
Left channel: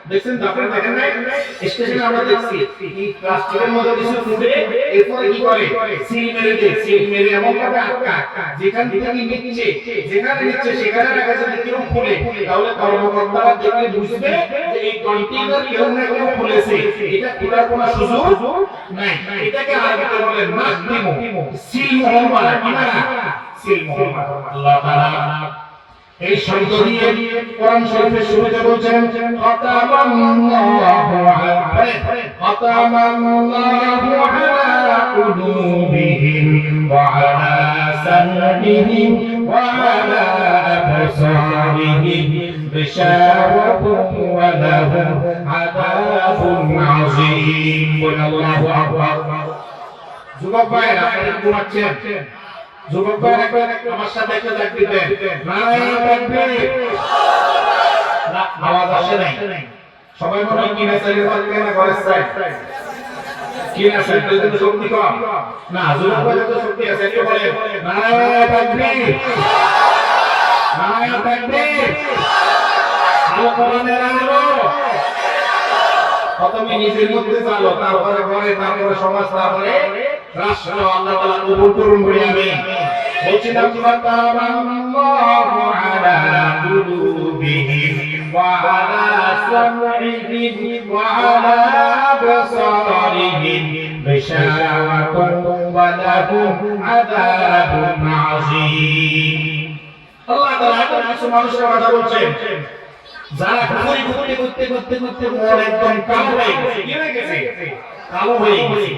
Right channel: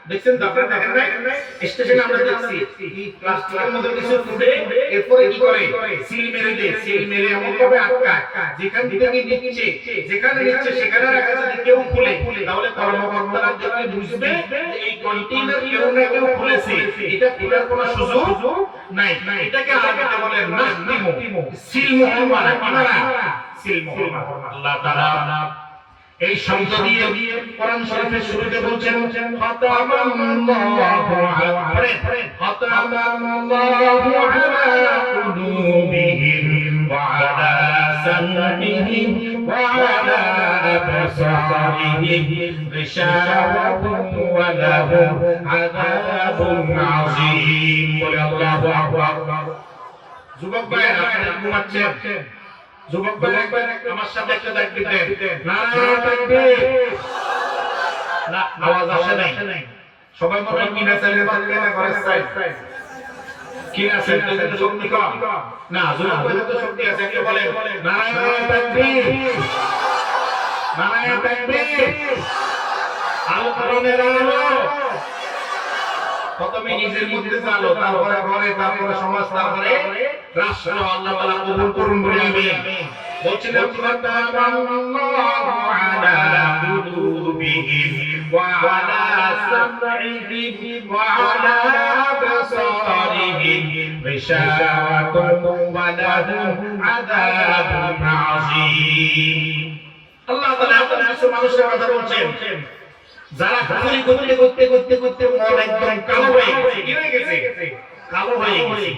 দেখছেন তো আপনারা, দেখেন না স্টেশনে আমরা দেখছি এই প্লাস্টিকের মধ্যে কিছু ফুটে এরপরে কি করে সিল মেরে দেয়, সিল মেরে এমন ভাবে আটকা যেখান থেকে নিচ্ছে, যেখানে নিচ্ছে সেখানে রাখা যদি কেউ খুলে তাহলে কর্মকর্তারা দেখলে বুঝবে যে এই কন্টেইনার কেউ না কেউ খুলেছে, এটা এটার কোনো সুযোগ নাই। এটাকে আরবিতে বলে নাসতিমু, সিল মোহর মারা, সিল মোহর। আল্লাহ তাআলা এই শব্দ দিয়ে কোরআন শরীফের শুরুতে বলছেন খাতামাল্লাহু আলা কুলুবিহিম ওয়া আলা সামঈহিম ওয়া আলা আবসারিহিম গিশাওয়াতুন ওয়া লাহুম আযাবুন আযীম। আল্লাহু আকবার। যুবক ভাইরা ঘুমাচ্ছেন, যুবক ভাইরা আমার সাথে একটা দায়িত্ব দেন, নারায়ে তাকবীর। আওয়াজ আসে নাই, সবাই মনে হয় কি না চাইলে না করে সাইড কি আছে দুজন শক্তি কম না, যুবক তো শক্তি আছে, কে বলে নারায়ে তাকবীর, নারায়ে তাকবীর। আলো কোরআনের আলো প্রথমে নিজের মধ্যে চালো, তারপরে ঘরে, তারপরে সমাজ, তারপরে রাষ্ট্র। আল্লাহ তাআলা কবুল করুন বলে আমিন। বলছিলাম খাতামাল্লাহু আলা কুলুবিহিম ওয়া আলা সামঈহিম ওয়া আলা আবসারিহিম গিশাওয়াতুন ওয়া লাহুম আযাবুন আযীম। আল্লাহ তাআলা কিছু মানুষের কথা বলছেন যারা গুলি করতে মন একদম কালো হয়ে গেছে, কালো হয়ে গেছে,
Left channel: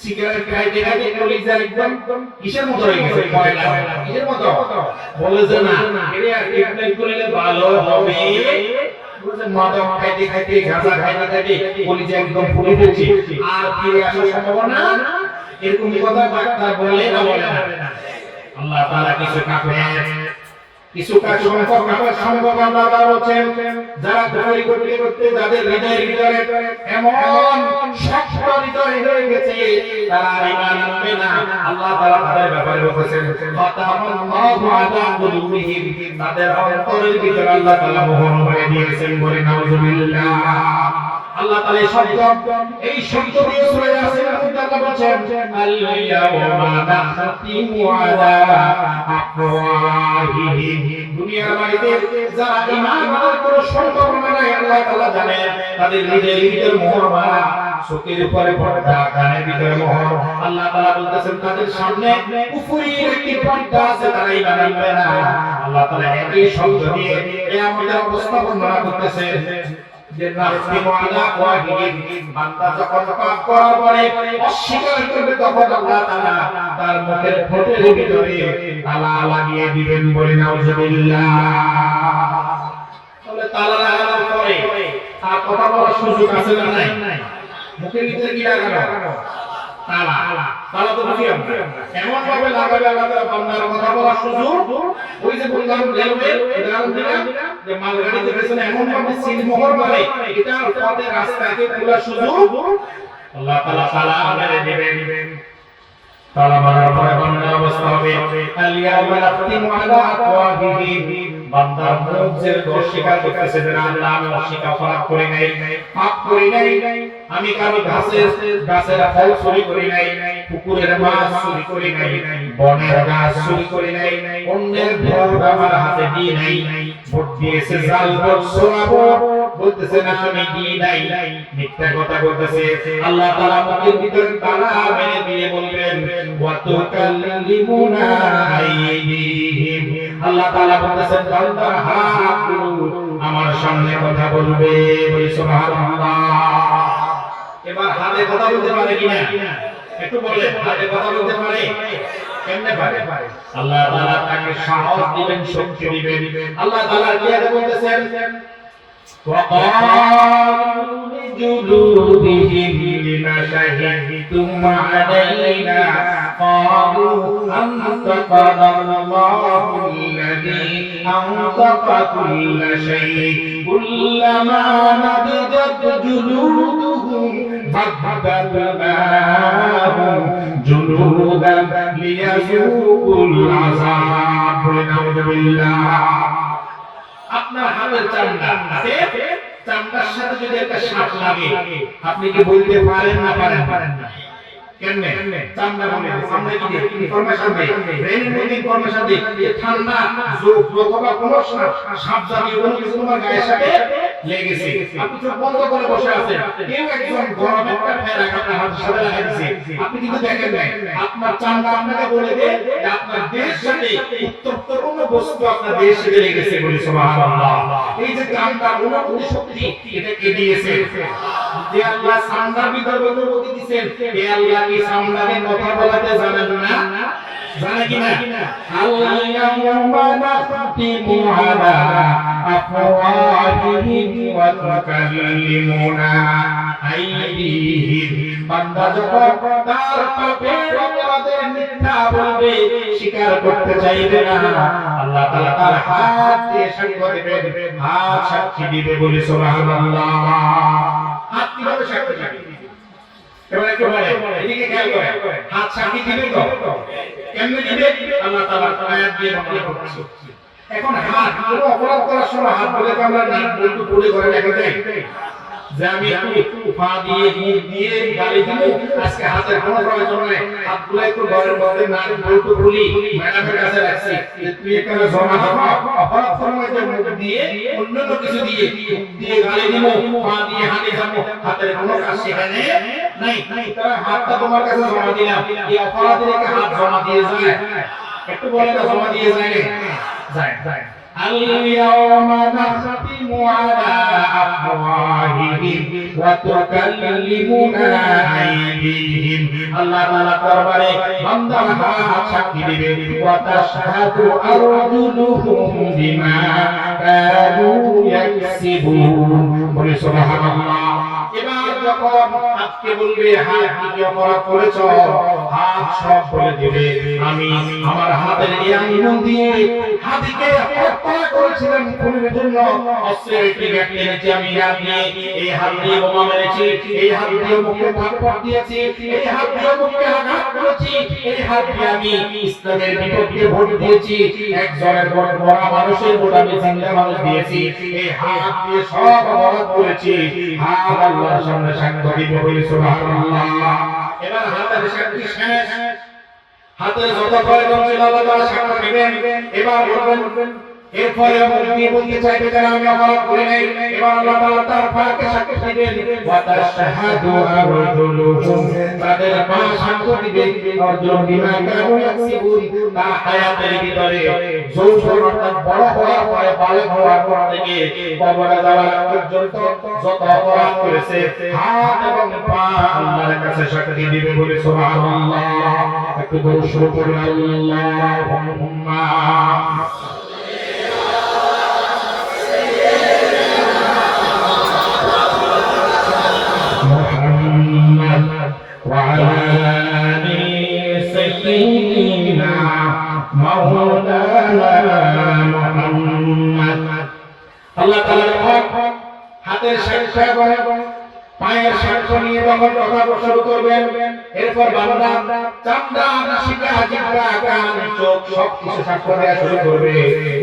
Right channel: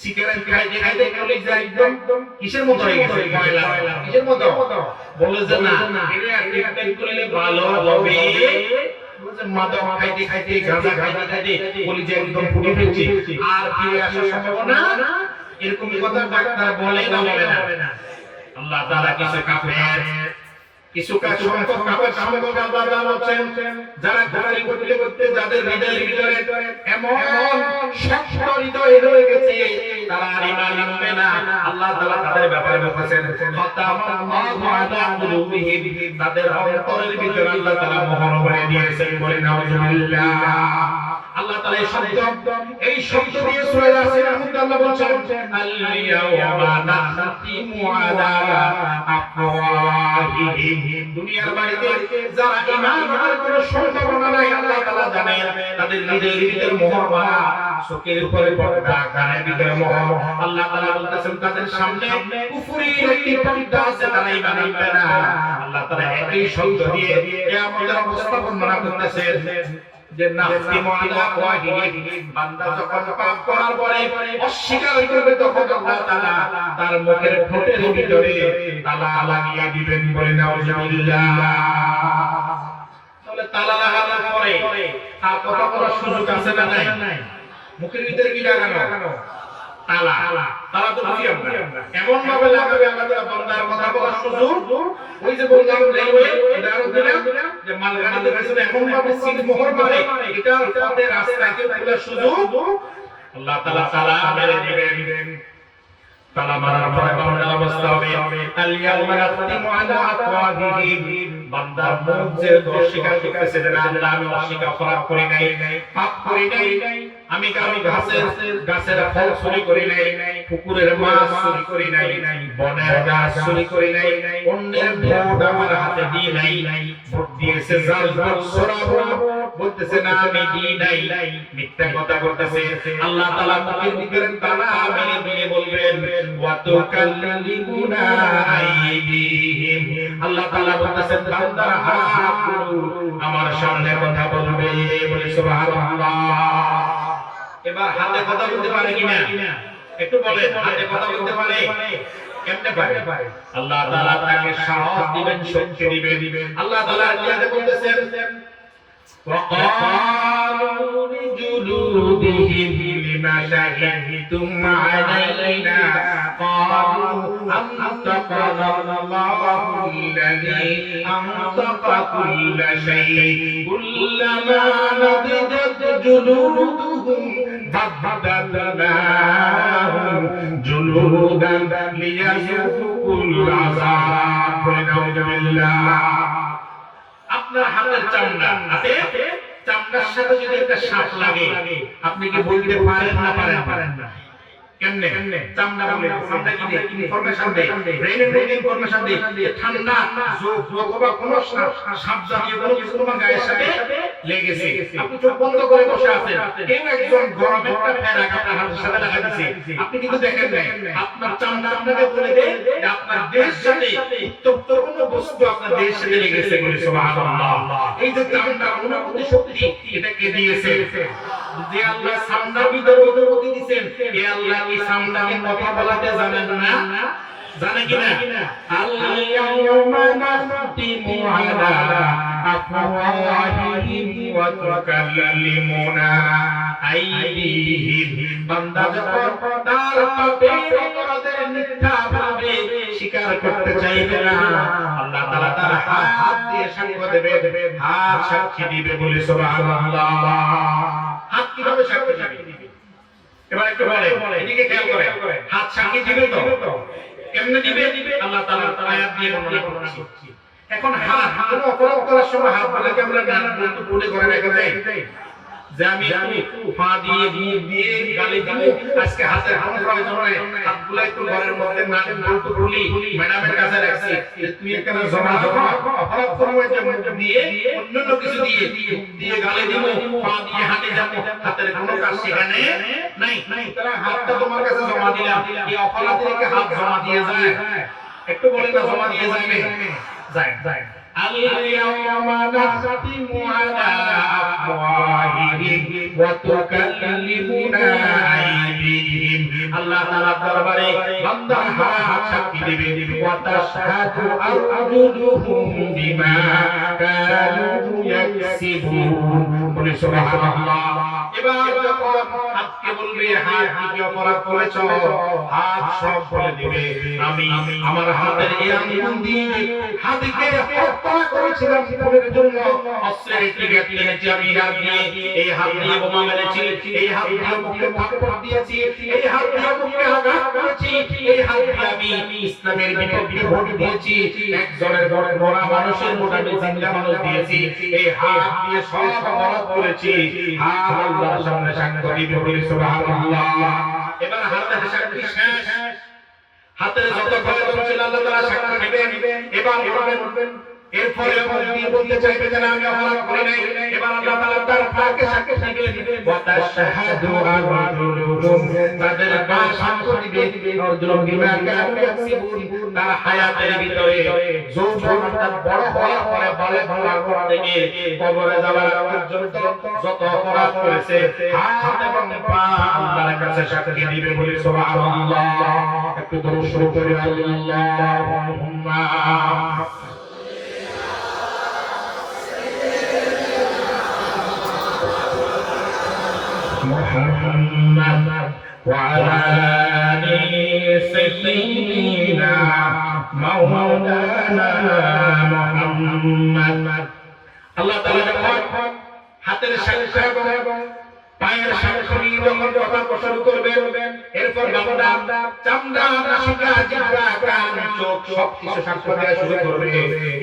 সিগারেট খাইতে খাইতে কলিজার একদম কিসের মতো হয়ে গেছে, ময়লা কিসের মতো। বলে যে না এর ট্রিটমেন্ট করলে ভালো হবে, বুঝছেন, মাথা খাইতে খাইতে গাঁজা খাইতে কলিজা একদম ফুলে ফেলছে, আর কি আসার সম্ভাবনা, এরকম কথা ডাক্তার বলে না। আল্লাহ তাআলা কিছু কাজ সামনে আল্লাহ তাআলা বলেন যারা গুনাহ করতে যাদের হৃদয়ে এমন শক্ত হৃদয় হয়ে গেছে তারা ঈমান আনবে না, আল্লাহ তাআলা তাদের ব্যাপারে বলেছেন খাতামাল্লাহু আলা কুলুবিহিম, তাদের অন্তরের ভিতরে আল্লাহ তাআলা মোহর করে দিয়েছেন। বলে নাউজুবিল্লাহ। আল্লাহ তাআলা এই শব্দ দিয়ে সূরা ইয়াসিনের মধ্যে আল্লাহ বলেন আল-ইয়াওমা নাখতিমু আলা আফওয়াহিহিম, দুনিয়ার বাড়িতে যারা ঈমানের কোনো সম্ভাবনা নাই আল্লাহ তাআলা জানেন, তাদের হৃদয়ের ভিতরে মোহর মারা, চোখের উপরে পর্দা, কানের ভিতরে মোহর। আল্লাহ তাআলা বলতেছেন তাদের সামনে কুফরির একটি পর্দা আছে, তারা ঈমান আনবে না। আল্লাহ তাআলা এই শব্দ দিয়ে কিয়ামতের অবস্থা বর্ণনা করতেছেন যে নাসতিমু আলা আফওয়াহিহিম, বান্দা যখন পাপ করার পরে অস্বীকার করবে তখন আল্লাহ তাআলা তার মুখের ঠোঁটের ভিতরে তালা লাগিয়ে দিবেন। বলে নাউজুবিল্লাহ। তাহলে তালা লাগানোর পরে আর কথা বলার সুযোগ আছে না নাই? মুখের ভিতরে কি লাগানো? তালা। তালা তো বুঝি আমরা এমন ভাবে লাগাবে আমাদের বান্দার কথা বলার সুযোগ, ওই যে বললাম রেলওয়ে উদাহরণ দিলাম যে মালগাড়িতে পেছনে এমন ভাবে সিল মোহর মারে, এটা আমাদের রাস্তায় খোলার সুযোগ আল্লাহ তাআলা তালা আমাদের দিবেন। তালা মারার পরে বান্দার অবস্থা হবে আল-ইয়াওমা নাখতিমু আলা আফওয়াহিহিম, বান্দার মুখ যে দোষ স্বীকার করতেছে যে আল্লাহ আমি অস্বীকার করে নাই, পাপ করি নাই, আমি গাছের ফল চুরি করি নাই, পুকুরের মাছ চুরি করি নাই, বনের গাছ চুরি করি নাই, অন্যের ভোট আমার হাতে দিই নাই, ভোট দিয়েছে জাল ভোট সরাবো বলতেছে না আমি দিই নাই, মিথ্যা কথা বলতেছে। আল্লাহ তাআলা মুখের ভিতরে তালা মেরে দিয়ে বলবেন ওয়া তুকাল্লিমুনা আইদিহিম, আল্লাহ তাআলা বলতেছেন বান্দা আমার সামনে কথা বলবে। সুবহানাল্লাহ। এবার হাতে কথা বলতে পারে কিনা একটু বলে, হাতে কথা বলতে পারে কেমনে পারে? আল্লাহ তাআলা তাকে সাহস দিবেন, শক্তি দিবেন। আল্লাহ তাআলা কিয়াতে বলতেছেন وقالوا لجلودهم لما شهدتم علينا قالوا أنطقنا الله الذي أنطق كل شيء كلما نضجت جلودهم بدلناهم جلودا ليذوقوا আযাব বলে নাউযুবিল্লাহ আপনার হাতের চামড়া আছে চামড়ার সাথে যদি একটা শ্বাস লাগে আপনি কি বলতে পারেন না পারেন না কেমনে চামড়া আমরা কি ইনফরমেশন দেই ব্রেন ইনফরমেশন দেই ঠান্ডা যোগ বা কোনো সাপ জাতীয় কোনো কিছু তোমার গায়ের সাথে লেগেছে আপনি চোখ বন্ধ করে বসে আছেন কেউ একজন গরম একটা ফেরা আপনার হাতের সাথে লাগাইছে আপনি কিন্তু দেখেন না আপনার চামড়া আপনাকে বলে দেয় যে আপনার দেহের সাথে উত্তপ্ত কোনো বস্তু আপনার দেহের সাথে লেগেছে বলে সুবহানাল্লাহ এই যে চামড়া অনুভূতি শক্তি এটা কে দিয়েছে যে আল্লাহ চামড়ার ভিতরে গতি দিয়েছেন এই আল্লাহ কি চামড়ার কথা বলাতে জানেন না জানে কিনা আল-ইয়াওমা নাখতিমু আলা আফওয়াহিহিম ওয়া তুকাল্লিমুনা আইদিহিম বান্দা যখন তার পাপের অপরাধের মিথ্যা ভাবে স্বীকার করতে চাইবে না আল্লাহ তাআলা তার হাত দিয়ে সাক্ষ্য দেবে হাত সাক্ষী দিবে বলে সুবহানাল্লাহ হাত কিভাবে সাক্ষী দিবে এবার একটু বলে এদিকে খেয়াল করে হাত সাক্ষী দিবে তো কেমনে দিবে আল্লাহ তাআলা আয়াত দিয়ে বর্ণনা করছি এখন হাত অপরাধ করার সময় হাত বলে আমরা একটু বলে করে রেখে যে আমি একটু পা দিয়ে গালি দিব আজকে হাতের কোনো প্রয়োজন নাই হাতগুলো একটু গরম না বলতে বলি ম্যাডামের কাছে রাখছি তুই একটা জমা অপরাধ করার মধ্যে দিয়ে অন্য কিছু দিয়ে গালি দিব পা দিয়ে হাতে যাবো হাতের কোনো কাজ সেখানে নাই তারা হাতটা তোমার কাছে জমা দিলাম এই অপরাধের হাত জমা দিয়ে যায় একটু বলে না জমা দিয়ে যায় اليوم نختم على أفواههم وتكلمنا أيديهم الله تعالى দরবারে বান্দার হাত সাক্ষী দিবে وتشهد أرجلهم بما كانوا يكسبون বলে সুবহানাল্লাহ এবার যখন হাতকে বলবে হাত কি অপরাধ করেছো হাত সব বলে দিবে আমি আমার হাতের ইমান দিয়ে হাতকে হত্যা করেছিলাম খুনের জন্য অস্ত্রের ট্রিগার টেনেছি আমি এই হাত দিয়ে বোমা মেরেছি এই হাত দিয়ে মুখে ভাগ দিয়েছি এই হাত দিয়ে মুখে আঘাত করেছি এই হাত দিয়ে আমি ইসলামের বিপক্ষে ভোট দিয়েছি একজনের বড় মানুষের ভোট আমি জিন্দা মানুষ দিয়েছি এই হাত দিয়ে সব অপরাধ করেছি আল্লাহর সামনে সাক্ষ্য দিবে বলে সুবহানাল্লাহ এবার হাতের সাক্ষী শেষ হাতের যত প্রয়োজন ছিল আল্লাহ তাআলা সাক্ষ্য দিবেন এবার বলবেন এরপরে কি বলতে চাইবে যে আমি অপরাধ করি নাই এবার আল্লাহ তাআলা তার পাকে সাক্ষ্য দিবেন ওয়া তাশহাদু আরজুলুহুম তাদের পা সাক্ষ্য দিবে অর্জুন বিমা কানু ইয়াকসিবুন তা হায়াতের ভিতরে যৌবনটা বড় হওয়ার পরে বালে থেকে কবরে যাওয়ার পর্যন্ত যত অপরাধ করেছে হাত এবং পা আল্লাহর কাছে সাক্ষ্য দিবে বলে সুবহানাল্লাহ একটু দরুদ শরীফ পড়ি আল্লাহুম্মা وعلى آل سيدنا مولانا محمد আল্লাহ তাআলা হাতের সাক্ষী এবং পায়ের সাক্ষী নিয়ে যখন কথা শুরু করবেন এরপর বান্দা চামড়া নাসিকা জিহ্বা কান চোখ সব কিছু সাক্ষ্য দেওয়া শুরু করবে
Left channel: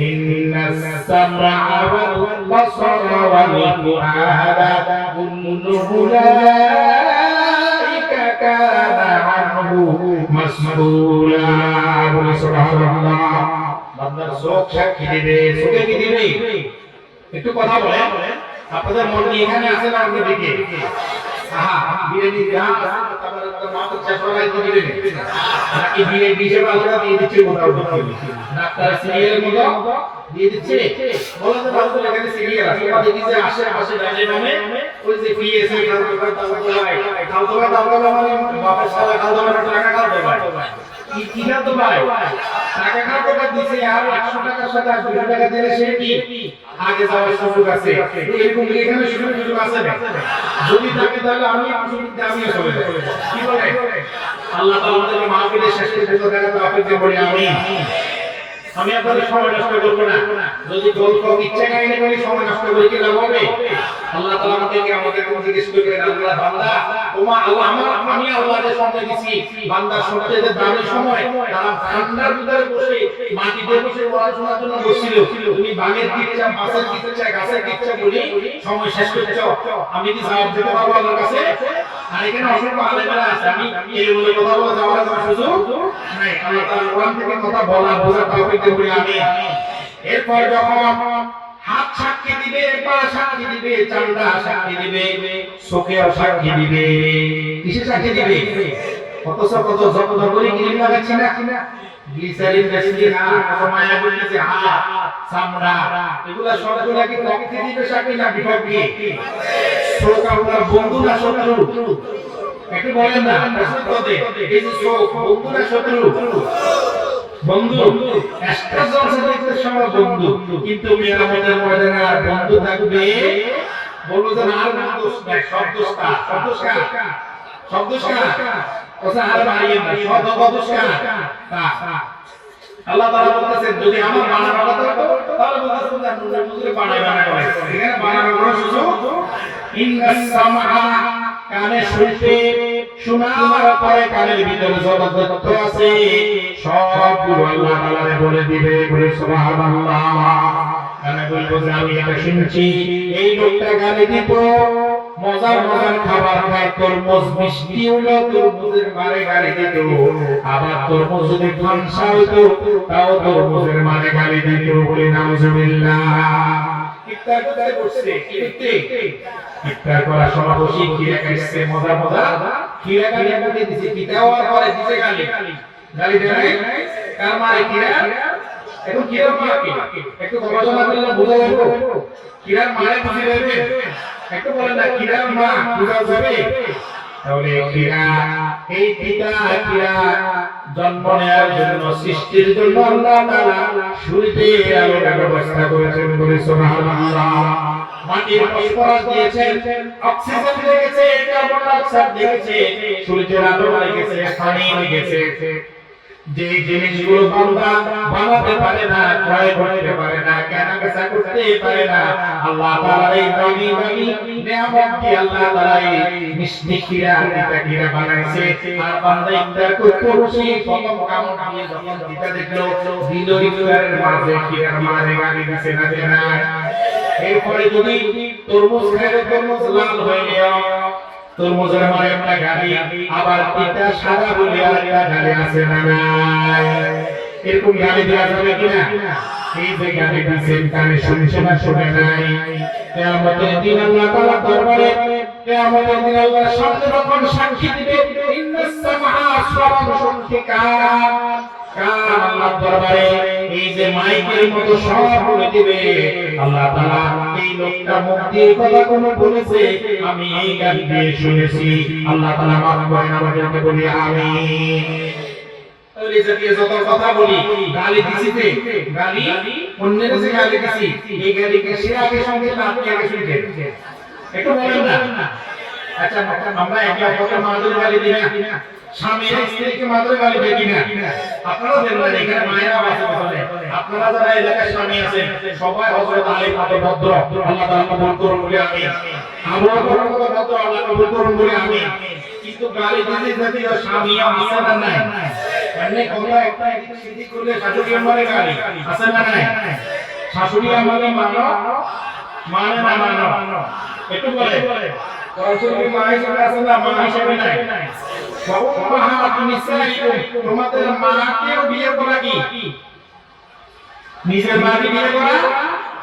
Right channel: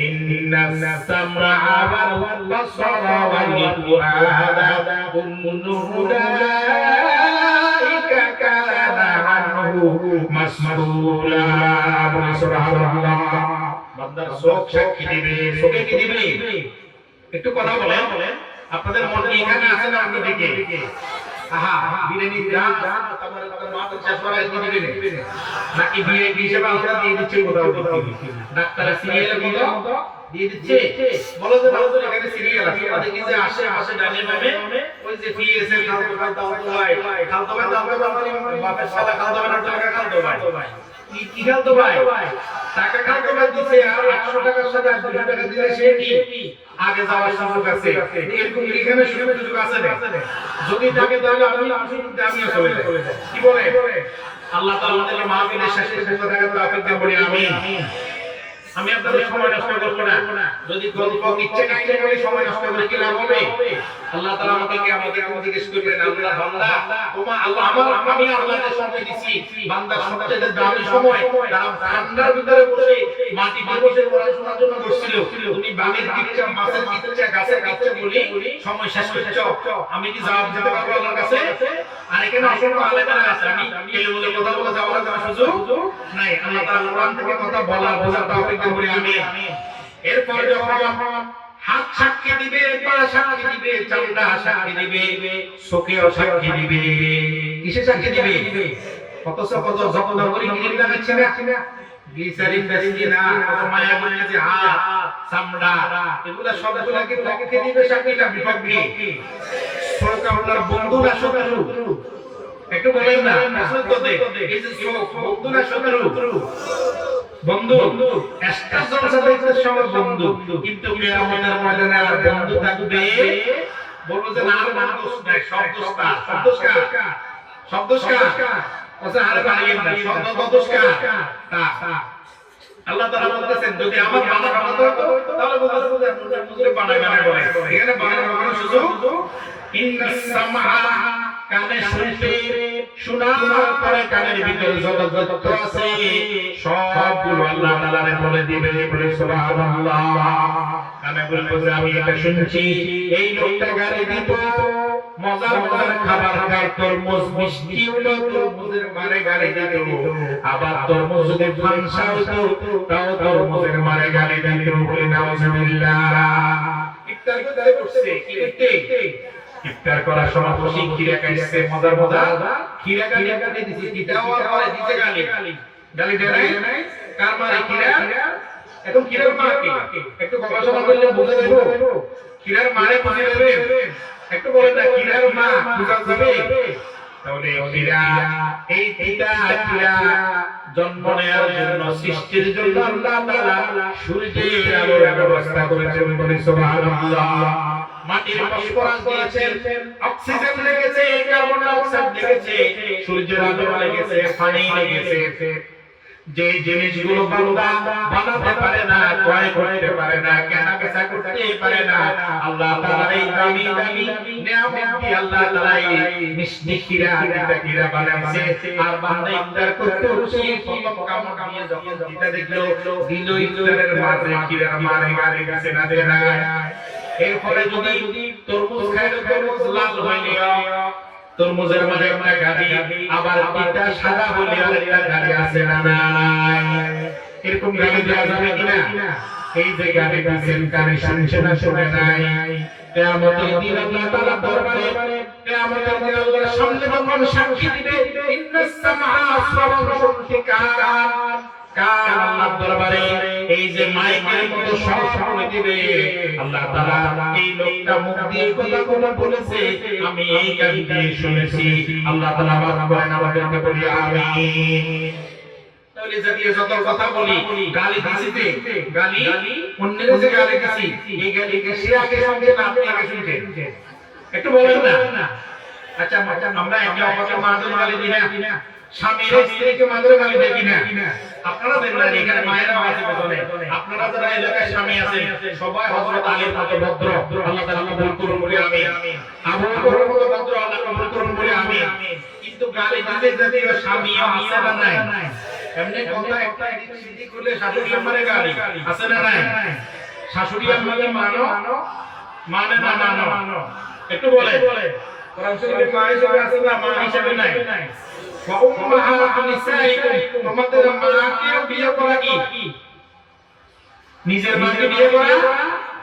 ইন্নাস সামআ ওয়াল বাসারা ওয়াল ফুআদা কুল্লু উলাইকা কানা আনহু মাসউলা সুবহানাল্লাহ বান্দার চোখ সাক্ষী দিবে চোখে কি দিবে একটু কথা বলেন আপনাদের মন নিয়ে এখানে আছেন আপনি দেখে বিরিয়ানি যা তারপরে মাত্র 6 টাকা দিবে নাকি বিরিয়ানি হিসেবে আমরা দিয়ে দিচ্ছি ডাক্তার সিরিয়াল মতো দিয়ে দিচ্ছে বলো তো এখানে সিরিয়াল আছে দেখি যে আশেপাশে ডাইনে বামে ওই যে পিএসএল খাওয়া দাওয়া মানে বাপের সাথে খাওয়া দাওয়া টাকা ভাই কি খেলতো ভাই টাকা কাটা দিছে আর 100 টাকার সাথে 200 টাকা দিলে সে কি আগে যাওয়ার সুযোগ আছে এরকম এখানে সুযোগ আছে যদি থাকে তাহলে আমি দামিয়ে চলে যাব কি বলে আল্লাহ তাআলা তাআলা মাহফিলের শেষে করে অপেক্ষা করি আমি আপনাদের সময় নষ্ট করব না যদি গল্প ইচ্ছা নাই বলে সময় নষ্ট করে কি লাভ হবে আল্লাহ তাআলা আমাদেরকে আমাকে জিজ্ঞেস করবেন আল্লাহ বান্দা তোমার আল্লাহ আমি আল্লাহর সঙ্গে দিছি বান্দার সবচেয়ে দামি সময় তারা ঠান্ডার ভিতরে বসে মাটিতে বসে পড়াশোনার জন্য বসছিল তুমি বামের দিকে যা পাশের দিকে যা গাছের কাছে বলি সময় শেষ করছো আমি কি জবাব দিতে পারবো আল্লাহর কাছে আর এখানে অসংখ্য আলেমরা আছে আমি এই কথা বলা যাওয়ার সুযোগ নাই আল্লাহ তাআলা কোরআন থেকে কথা বলা তৌফিক দেন আমি এরপর যখন হাত সাক্ষী দিবে পা সাক্ষী দিবে চামড়া সাক্ষী দিবে চোখেও সাক্ষী দিবে কিসে সাক্ষী দিবে কত যত ধরি ক্রিম লাগাচ্ছি না গ্লিসারিন বেসিনা মায়া বলেছে হাত চামড়া এগুলা সবগুলা কি প্রকৃতি দিবে সাক্ষী না বিপক্ষে চোখ আপনার বন্ধু না শত্রু একটু বলেন না এই যে চোখ বন্ধু না শত্রু বন্ধু একটা জগতের সঙ্গে বন্ধু কিন্তু কিয়ামতের ময়দানে আর বন্ধু থাকবে বলবো যে না শব্দস্কার ওসা আর বাড়িয়ে না শব্দস্কার আল্লাহ তাআলা বলতেছেন যদি আমার বানানো কথা তাহলে বলতেছেন মুজরে বানানো এখানে বানানো সুযোগ ইন্নাস সামআ কানে শুনতে শোনার পরে কানের ভিতরে যত তথ্য আছে সবগুলো আল্লাহ তাআলা বলে দিবে সুবহানাল্লাহ আমি বলবো যে আমি এটা শুনছি এই লোকটা গালি দিব মজার খাবার খাবার তরমুজ মিষ্টি হলো তরমুজের মারে গালি দিত আবার তরমুজ যদি ফাংশা হতো তাও তরমুজের মারে গালি দিত বলে নাউজুবিল্লাহ ইফতার করছে ইফতার করার সময় বসে খিরা খাইছে মজা খিরা গালি দিছে কিটাও আর পরে দিছে গালি দেয় নাই কার মারে খিরা এখন খিরার মা কি একটু গবেষণা করলে বুঝা যাবে খিরার মারে বুঝে যাবে একটু বলেন না খিরার মা বুঝা যাবে তাহলে খিরা এই খিরা জন্ম নেওয়ার জন্য সৃষ্টির জন্য আল্লাহ তাআলা সূর্যের আলোর ব্যবস্থা করেছেন বলে সুবহানাল্লাহ মাটির ফসফরাস দিয়েছেন অক্সিজেন লেগেছে কার্বন ডাই অক্সাইড লেগেছে সূর্যের আলো লেগেছে পানি লেগেছে যে জিনিসগুলো বান্দা বানাতে পারে না ক্রয় করতে পারে না কেনা বেচা করতে পারে না আল্লাহ তাআলা এই দামি নিয়ামত কি আল্লাহ তাআলা নিষ্কিরা কিরা বানাইছে আর বান্দা ইফতার করতে বসে প্রথম কাম দিয়ে যখন দিতে দেখলো দিলের মাঝে কিরা মারে গালি দিছে না দেনা এরপরে যদি তরমুজ খাইলে তরমুজ লাল হয়ে গেল তরমুজের মাঝে আমরা গালি আবার পিতা সাদা বলে আল্লাহ গালি আছে না এরকম গালি দেওয়া যাবে কিনা এই যে গালি দিয়েছেন কানে শুনছে না শুনে নাই কিয়ামতের দিন আল্লাহ তাআলা দরবারে কিয়ামতের দিন আল্লাহর সামনে যখন সাক্ষী দিবে ইন্নাস সামআ সাওয়াতুন আল্লাহর দরবারে এই যে মাইকের মতো সব বলে দিবে আল্লাহ তাআলা এই লোকটা মুখ দিয়ে কথা কোন বলেছে আমি এই গান দিয়ে শুনেছি আল্লাহ তাআলা মাফ করেন আমাকে বলি আমিন তাহলে যদি যত কথা বলি গালি দিছিতে গালি অন্যের যে গালি দিছি এই গালিকে সে আগে সঙ্গে না আপনি আগে শুনতে একটু বলেন না আচ্ছা আমরা একে অপরকে মারধর গালি দিই না স্বামী স্ত্রীকে মারধর গালি দেই কিনা আপনারা দেন না এখানে মায়ের আওয়াজ বলে আপনারা যারা এলাকায় স্বামী আছেন সবাই হযরত আলীর মতো ভদ্র আল্লাহ তাআলা কবুল করুন বলে আমিন আমার বড় মতো ভদ্র আল্লাহ কবুল করুন বলে আমিন কিন্তু গালি দিলে যদি স্বামী আছে না নাই এমনি কথা একটা সিদ্ধি করলে শাশুড়ি আমারে গালি আছে না নাই শাশুড়ি আমারে মানো একটু বলে কোরআন শরীফে মা হিসেবে আছে না মা হিসেবে নাই তোমাদের মাকেও বিয়ে করা কি নিজের মাকে বিয়ে করা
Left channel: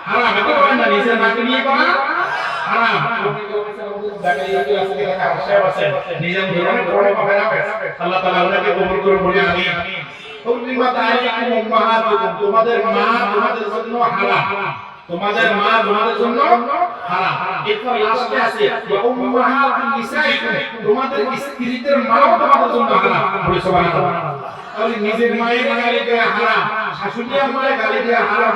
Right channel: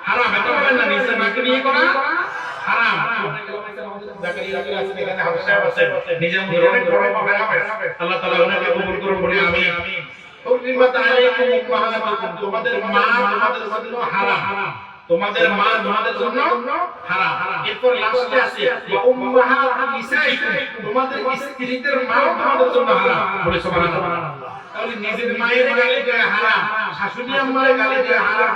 হারাম এটা বলেন না নিজের মাকে বিয়ে করা হারাম নিজের জীবনে করে পাবে না আল্লাহ তাআলা ওনাকে কবুল করুন বলে আমিন হুররিমাত আলাইকুম উম্মাহাতুকুম তোমাদের মা তোমাদের জন্য হারাম তোমাদের মা তোমাদের জন্য হারাম এরপর লাস্টে আছে উম্মাহাতুল নিসাইকুম তোমাদের স্ত্রীদের মা তোমাদের জন্য হারাম বলে সুবহানাল্লাহ তাহলে নিজের মায়ের গালি দেওয়া হারাম শাশুড়ি আম্মার গালি দেওয়া হারাম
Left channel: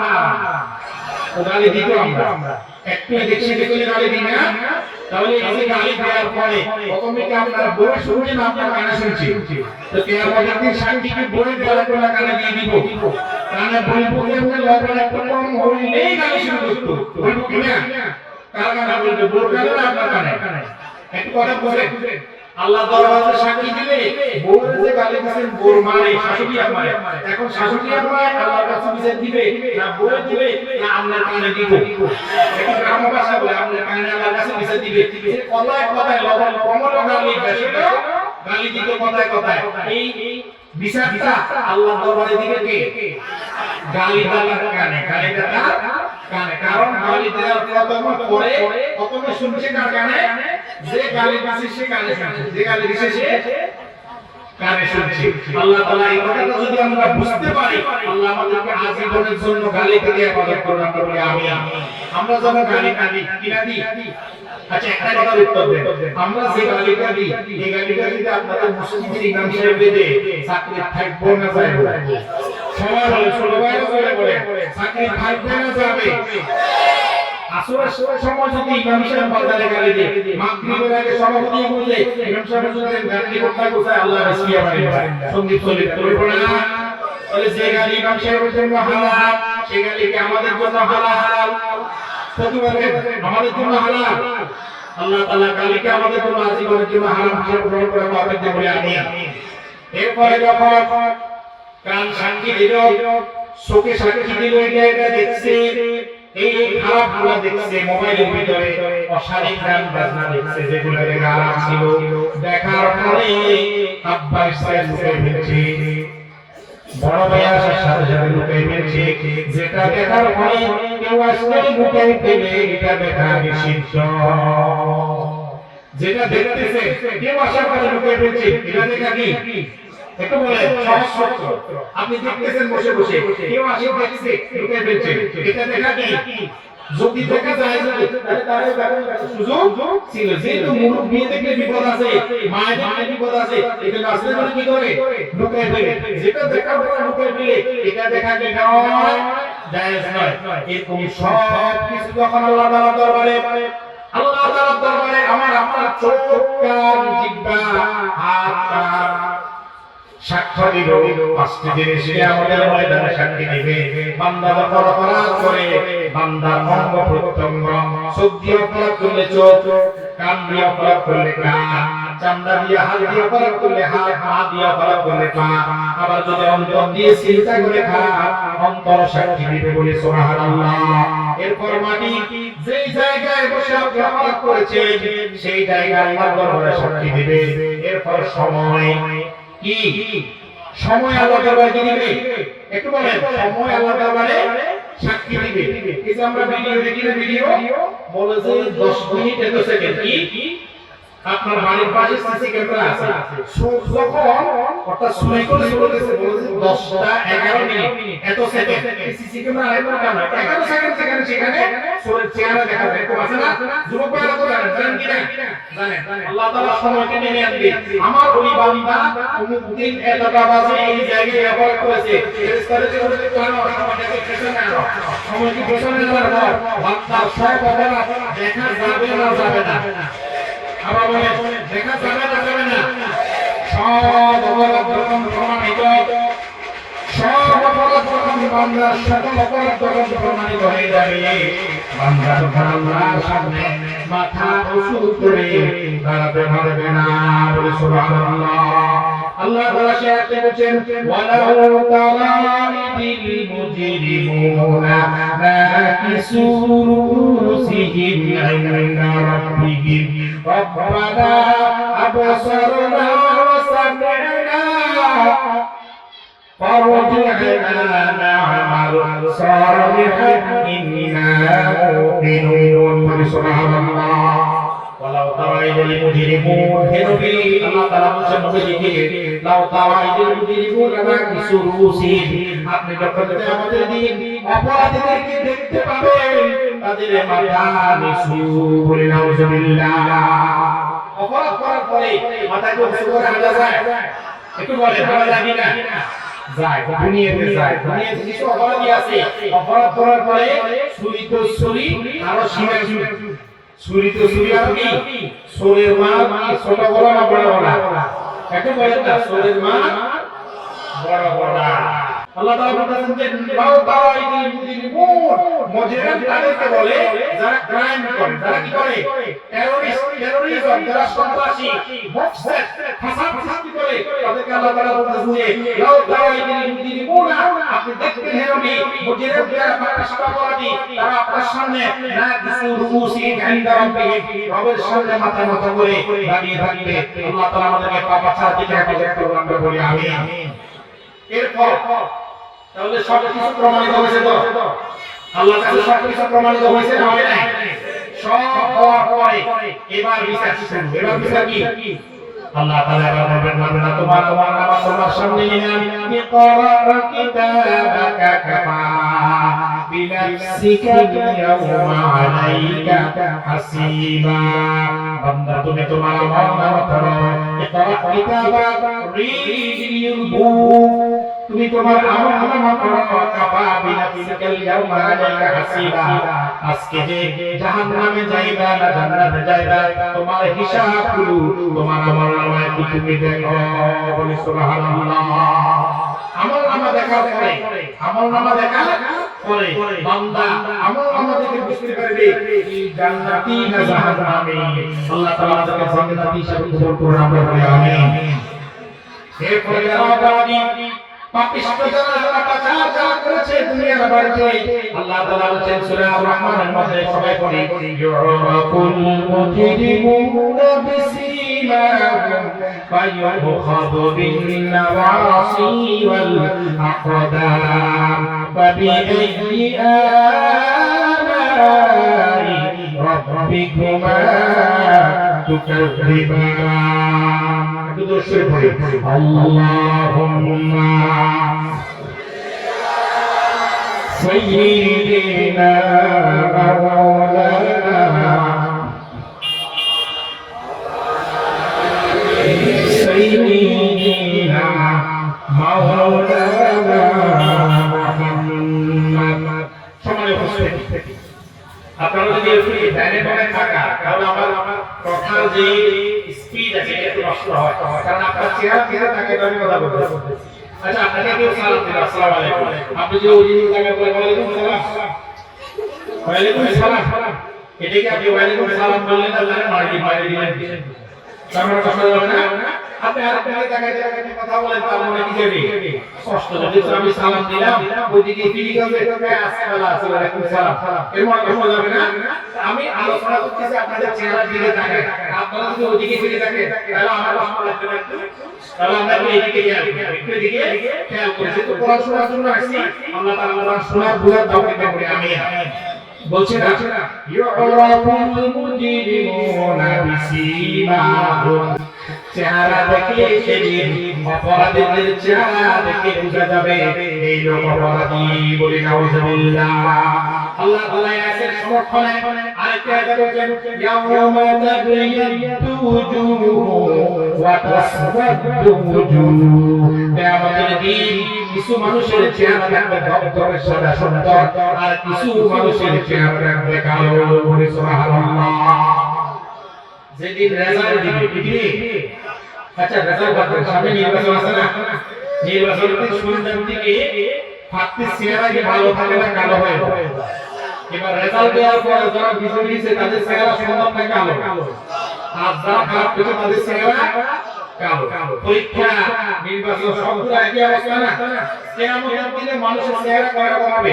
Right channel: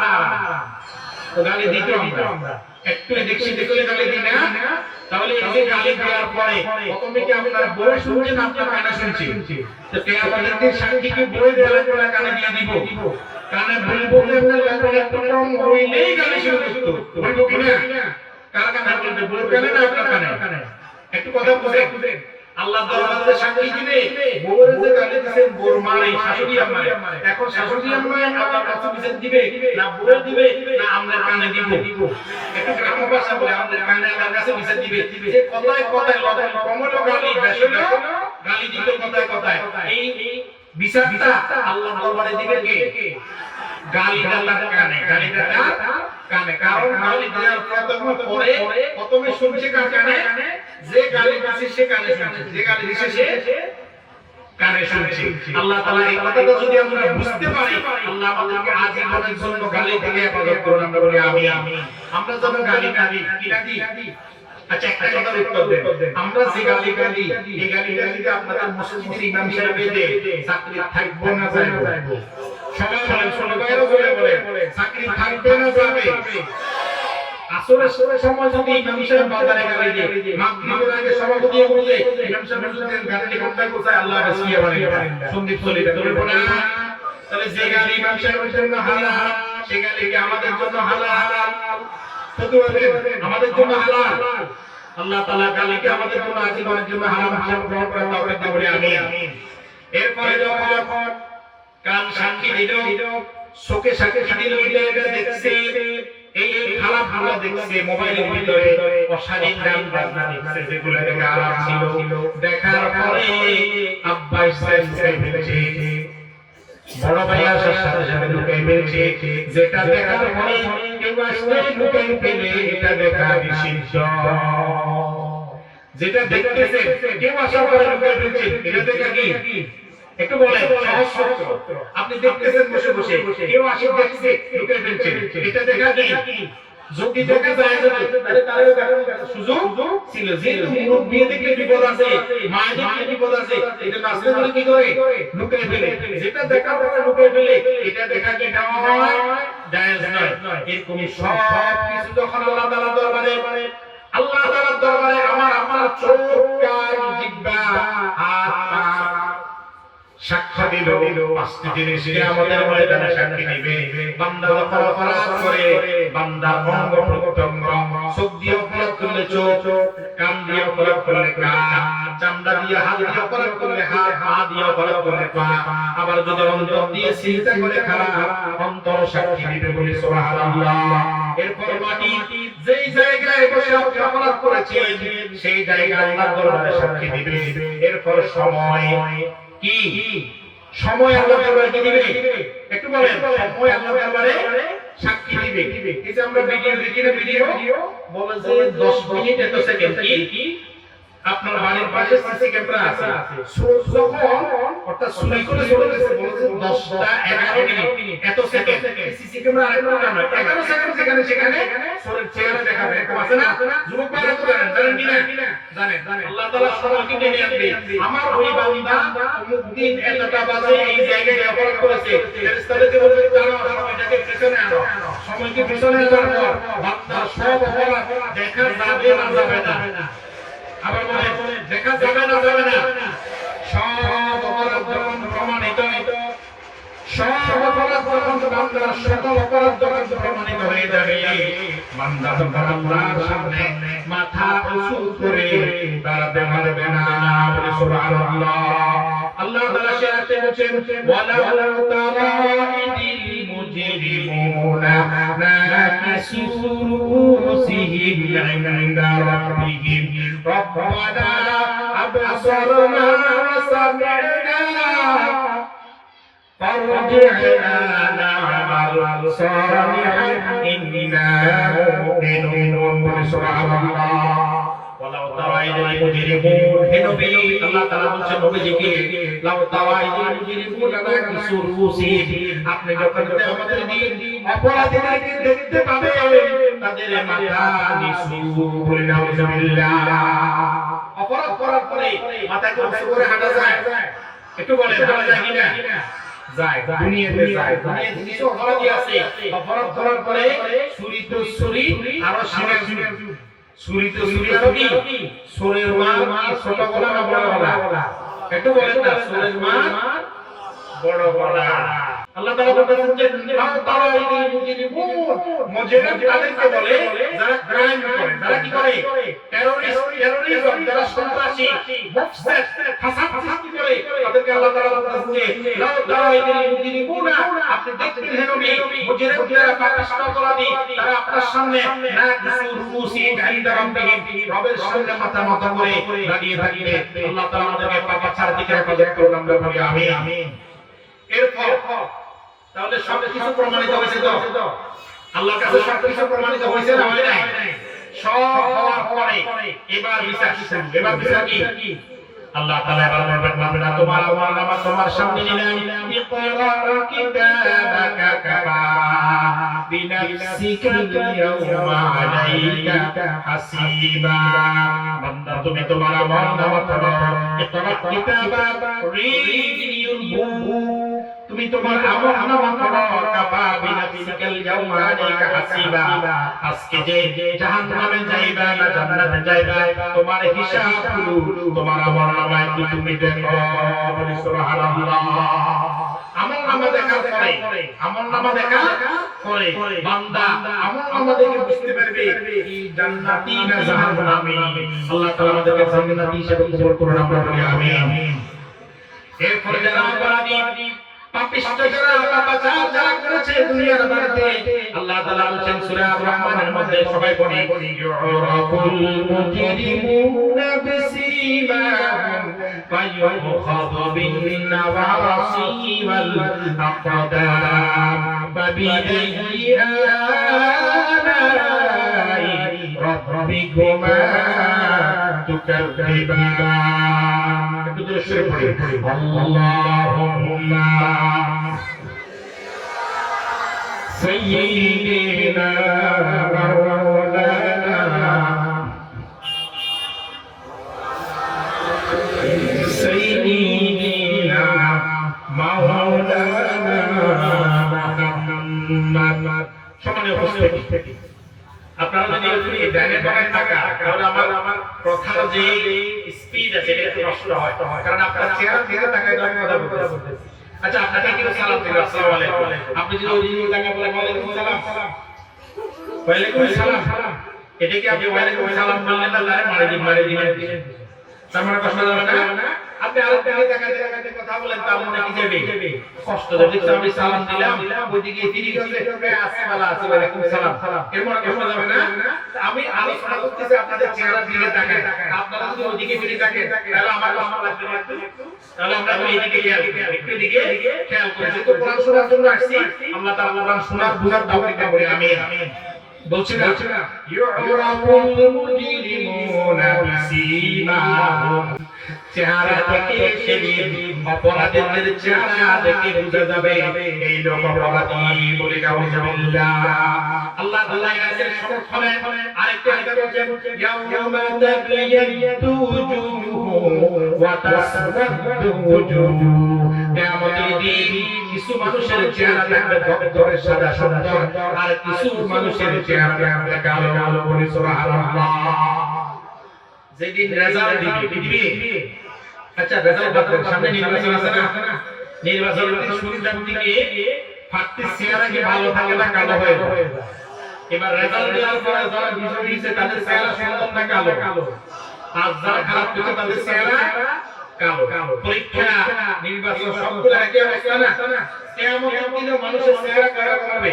তো গালি দিতে আমরা একটু দেখি গালি দিই না তাহলে এই যে গালি দেওয়ার পরে প্রথমে কি আপনারা বলে শুনছেন আপনারা আয়না শুনছি তো কিয়ামতের দিন সাক্ষীকে বলে দেওয়ার পরে গালি দিয়ে দিব কানে বলে কম হইলেই গালি শুরু করতে বলবো কিনা কারা কারা বলতে বলবে না আপনারা কথা বুঝেন আল্লাহ দরবারে সাক্ষী দিলে বউরে যে গালি দিবেন বউর মারে শাশুড়ি মারে এখন শাশুড়ি মারে আল্লাহর কাছে বিচার দিবে না বউ দিবে না আমরা কানে দিব এখন গ্রাম ভাষা বলে আমরা কানে আল্লাহর কাছে বিচার দিবে যে কথায় কথায় লবণ কমল গালি বেশি গালি দিতে কথায় কথায় এই বিচারটা আল্লাহ দরবারে দিবে কে গালি আল্লাহর কানে গালিটা কানে কারণ গালি দেওয়ার প্রথমত পরে প্রথমে শুনছে কার কানে যে গালি দিছে সে কানে শুনছে যে গালি দিছে সে কানে শুনছে আল্লাহ তাআলা এই কথাটা যদি আমরা বুঝতে পারি আল্লাহ আমাদেরকে আজীবনের জন্য গালি থেকে ইবাদত করুন বলে আমি আমরা যখন গালি কিনা দিই আচ্ছা একটা কথা উত্তর দেন আমরা যে গালি এই গালিতে আপনারা মসজিদে ইমাম সাহেব দে চাকরি থাকবো না যাইবো সবাই বলে চাকরি থাকবে না যাবে আসরে সময় যদি ইমাম সাহেব বাজারে গালি দেয় মাগরিবের আগে সভাপতি বলে ইমাম সাহেব যদি গালি করতে বসে আল্লাহ রাসূল বারান্দা সন্দীপ চলে বলবো না তাহলে যে গালি ইমাম সাহেবের জন্য হালাল সেই গালি কি আমাদের জন্য হালাল প্রতিবারে আমাদের জন্য হালাল আল্লাহ তাআলা গালিকে আমাদের জন্য আজীবনের জন্য হারাম গ্রহণ করে তৌফিক দেন আমিন এরপরে যখন কান সাক্ষী দিল চোখে সাক্ষী দিল এটা দেখছে এই খারাপ খারাপ দেখছে মোবাইলের ভিতরে অশালীন গান বাজনা দেখছে যেগুলো হারাম ছিল দেখার পরে আব্বা সাহেব ফেলছে বড় ভাইয়ার সাথে সাথে ঢুকে ফেলছে যেটা দেখার পরে কেউ আসলে ঢুকে ফেলে এটা দেখা নিষিদ্ধ যেটা দেখতেছে কেউ আশা করে ঢুকে ফেলছে এটা দেখা কি একটু বলেন সত্য আপনি দেখতেছেন বসে বসে কেউ আসে দেখছে ঢুকে ফেলছে এটা দেখা কি যদি দেখা যায় তাহলে তার সুযোগ ছিল যেহেতু মুরুব বিয়ে দেখলে বিপদ আছে মায়ের দেখলে বিপদ আছে এটা নাসিরা কি করে ঢুকে ফেলে যেটা দেখার পরে ঢুকে ফেলে এটা দেখা কে নয় জায়েজ নয় এরকম সব কিছু যখন আল্লাহ তাআলার দরবারে আল্লাহ তাআলার দরবারে আমার চোখ কান জিহ্বা হাত সাক্ষ্য দিল পাঁচটি জিনিস আমাদের ময়দানে সাক্ষী দিবে বান্দা যখন অপরাধ করে বান্দার অঙ্গ প্রত্যঙ্গ চোখ দিয়ে অপরাধ করলে চোখ কান দিয়ে অপরাধ করলে কান চামড়া দিয়ে হাত দিয়ে অপরাধ করলে হাত হাত দিয়ে অপরাধ করলে পা আবার যদি অন্তর দিয়ে চিন্তা করে অন্তর সাক্ষী দিবে বলে সুবহানাল্লাহ এরপর মাটি যেই জায়গায় বসে অপরাধ করেছে সেই জায়গায় আল্লাহর দরবারে সাক্ষী দিবে এরপর সময় কি সময় আল্লাহ দরবারে দিবে একটু বলেন সময় আল্লাহ দরবারে সাক্ষী দিবে এই যে আমরা ভিডিও বলে যে 10 মিনিট এত সেকেন্ড কি আপনার বাড়ির পাশে সিসি ক্যামেরা আছে যখন অর্থাৎ সময় করে বলে 10টা 11 মিনিট এত সেকেন্ড সিসি ক্যামেরা আইলো না 11 সেকেন্ড সেখানে সরের চেহারা দেখা যায় আছে না যুবক ভাইরা তো জানেন কিনা জানেন আল্লাহ তাআলা সময়কে নিয়ে আনবে আমার ওই বান্দা অমুক দিন এতটা বাজে এই জায়গায় ব্যবহার করেছে ফেরেশতাদের যে ওদের তাকে পেছনে আনো সময়কে পেছনে দেওয়ার পর তার সব অপরাধ দেখা যাবে না আবার বলে দেখা যাবে না সব অপরাধ প্রমাণিত সব অপরাধ বান্দার সকল অপরাধ প্রমাণিত হয়ে যাবে বান্দা যখন আল্লাহর সামনে মাথা উঁচু করে দাঁড়াতে পারবে না বলে সুবহানাল্লাহ আল্লাহ তাআলা শেয়ারতে বলেন ওয়ালাউ তারা ইদিল মুজরিমুনা নাকিসু রুসিহিম ইনদা রাব্বিহিম রব্বানা আবসারনা ওয়া সামি'না فارجعنا نعمل صالحا إنا مؤمنون سبحان الله ولو ترى المجرمون هنبي الله تعالى বলেছে لو ترى المجرمون ناكسوا رؤوسهم আপনি যখন কিয়ামতের দিন অপরাধীদেরকে দেখতে পাবেন তাদের মাথা নিচু করে নাউজুবিল্লাহ অপরাধ করার পরে মাথা করে হাঁটা যায় একটু বলে হাঁটা যায় কিনা যায় দুনিয়াতে যায় দুনিয়াতে কিছু অপরাধী আছে অপরাধ করার পরে চুরি তো চুরি আর সীমা চুরি তো চুরি আর কি চোরের মা ছোট বড় না বড় বড় একটু বলেন না চোরের মা বড় বড় আল্লাহ তাআলা বলেন যে লাউ তাআইদি মুজরিমুন মুজরিম তাদেরকে বলে যারা ক্রাইম করে যারা কি করে টেররিজম যারা সন্ত্রাসী মুফসিদ ফাসাদ করে তাদেরকে আল্লাহ তাআলা বলতেছে লাউ তাআইদিনা আপনি দেখবেন হে নবী মুজরিম যারা ফাসাদ অপরাধী তারা আপনার সামনে না কিছু রুসি গাইন্দা রবের সামনে মাথা মাথা করে দাঁড়িয়ে থাকবে আল্লাহ তাআলা আমাদেরকে পাপ ছাড় দিকে রাখবে আমরা বলি আমিন এরপর তাহলে সব কিছু প্রমাণিত হয়েছে তো আল্লাহর কাছে সব কিছু প্রমাণিত হয়েছে না হয় নাই সব হওয়ার পরে এবার বিচার শুরু এবার বিচার কি আল্লাহ তাআলা এবার বলবেন তোমার নামাজ তোমার সামনে নিলাম ইকরা কিতাবাকা কাফা বিনাফসিকা ইয়াউমা আলাইকা হাসিবা বান্দা তুমি তোমার নামাজ পড়ো ইকরা কিতাবাকা রিড তুমি তোমার আমার পড়ো কাফা বিনাফসিকা ইয়াউমা আলাইকা হাসিবা আজকে যে জাহান্নামে যাইবা না জান্নাতে যাইবা তোমার হিসাব তোমার আমার নামায় তুমি দেখো বলি সুবহানাল্লাহ আমল নামা দেখা পরে আমল নামা দেখা পরে বান্দা আমল নামা দেখে বুঝতে পারবে কি জান্নাতি না জাহান্নামী আল্লাহ তাআলা আমাদেরকে জান্নাতি হিসেবে কবুল করুন আমরা বলি আমিন এরপরে আবাদি পাপিষ্ঠ যারা পাচার করেছে দুনিয়ার বাড়িতে আল্লাহ তাআলা বলেন সূরা আর-রহমানের মধ্যে সবাই পড়ি ইউরাকুল মুজরিমুনা বিসীমাহুম ফায়ুখাযু বিন নাওয়াসি ওয়াল আকদাম ফাবিআইয়ি আলাই রাব্বিকুমা তুকায্যিবান একটু শুরু করি আল্লাহুম্মা সাইয়্যিদিনা মাওলানা সাইয়্যিদিনা মাওলানা মুহাম্মদ সম্মানীয় উপস্থিতি আপনারা যদি ব্যানে থাকা তাহলে আমার কথা যে স্পিড আছে এটা নষ্ট হয় কারণ আপনার চেহারা তাকায় আমি কথা বলতেছি আচ্ছা আপনাকে কেউ সালাম দিল আসসালামু আলাইকুম আপনি যদি ওই জায়গায় বলে ওয়ালাইকুম সালাম এটা কি আপনি ওয়ালাইকুম সালাম বললেন আল্লাহর মারি দিবেন আমরা কথা বলনা আপনি আর জায়গায় কথা বলেন তাহলে নাকি যাবে কষ্ট যদি আমি সালাম দিলাম ওইদিকে দিকে যাবে আসসালামু আলাইকুম সালাম এর মানে যাবে না আমি সালাম দিতে আপনাদের চেহারা দিকে তাকায় আপনারা যদি ওইদিকে তাকায় তাহলে আমার লাগতে তাহলে আমরা ওইদিকে একটু দিকে খেয়াল করি তো কোরআন শোনার জন্য আসছি আল্লাহ তাআলা শোনার বুঝার তৌফিক দান করে আমিন বলছে না ইউরাকুল মুজরিমুনা বিসীমাহুম চেহারা দেখে অপরাধীদের চেহারা দেখে বোঝা যাবে এই লোক অপরাধী বলে নাউজুবিল্লাহ আল্লাহ তাআলা এর সমর্থনে আরেকটা আয়াত বলেছেন ইয়াউমা তাবায়াতু উজুহু ওয়া তাসওয়াদু উজুহু কিয়ামতের দিন কিছু মানুষের চেহারা থাকবে ধরে সাদা সাদা আর কিছু মানুষের চেহারা থাকবে কালো কালো বলে সুবহানাল্লাহ যেদিন রেজাল্ট দিবে আচ্ছা রেজাল্ট সামনে নির্বাচন আছে না নির্বাচনের শুরুর দিকে ফাঁকতে চেহারা কি ভালো থাকে না কালো হয়ে যায় এবার রেজাল্ট দেওয়ার পর যারা বিজয়ী হয়েছে তাদের চেহারা সুন্দর না কালো আর যারা খারাপ হয়েছে তাদের চেহারা কালো পরীক্ষা নির্বাচন সবগুলো একই অবস্থা না কিয়ামতের দিনে মানুষের চেহারা কালো হবে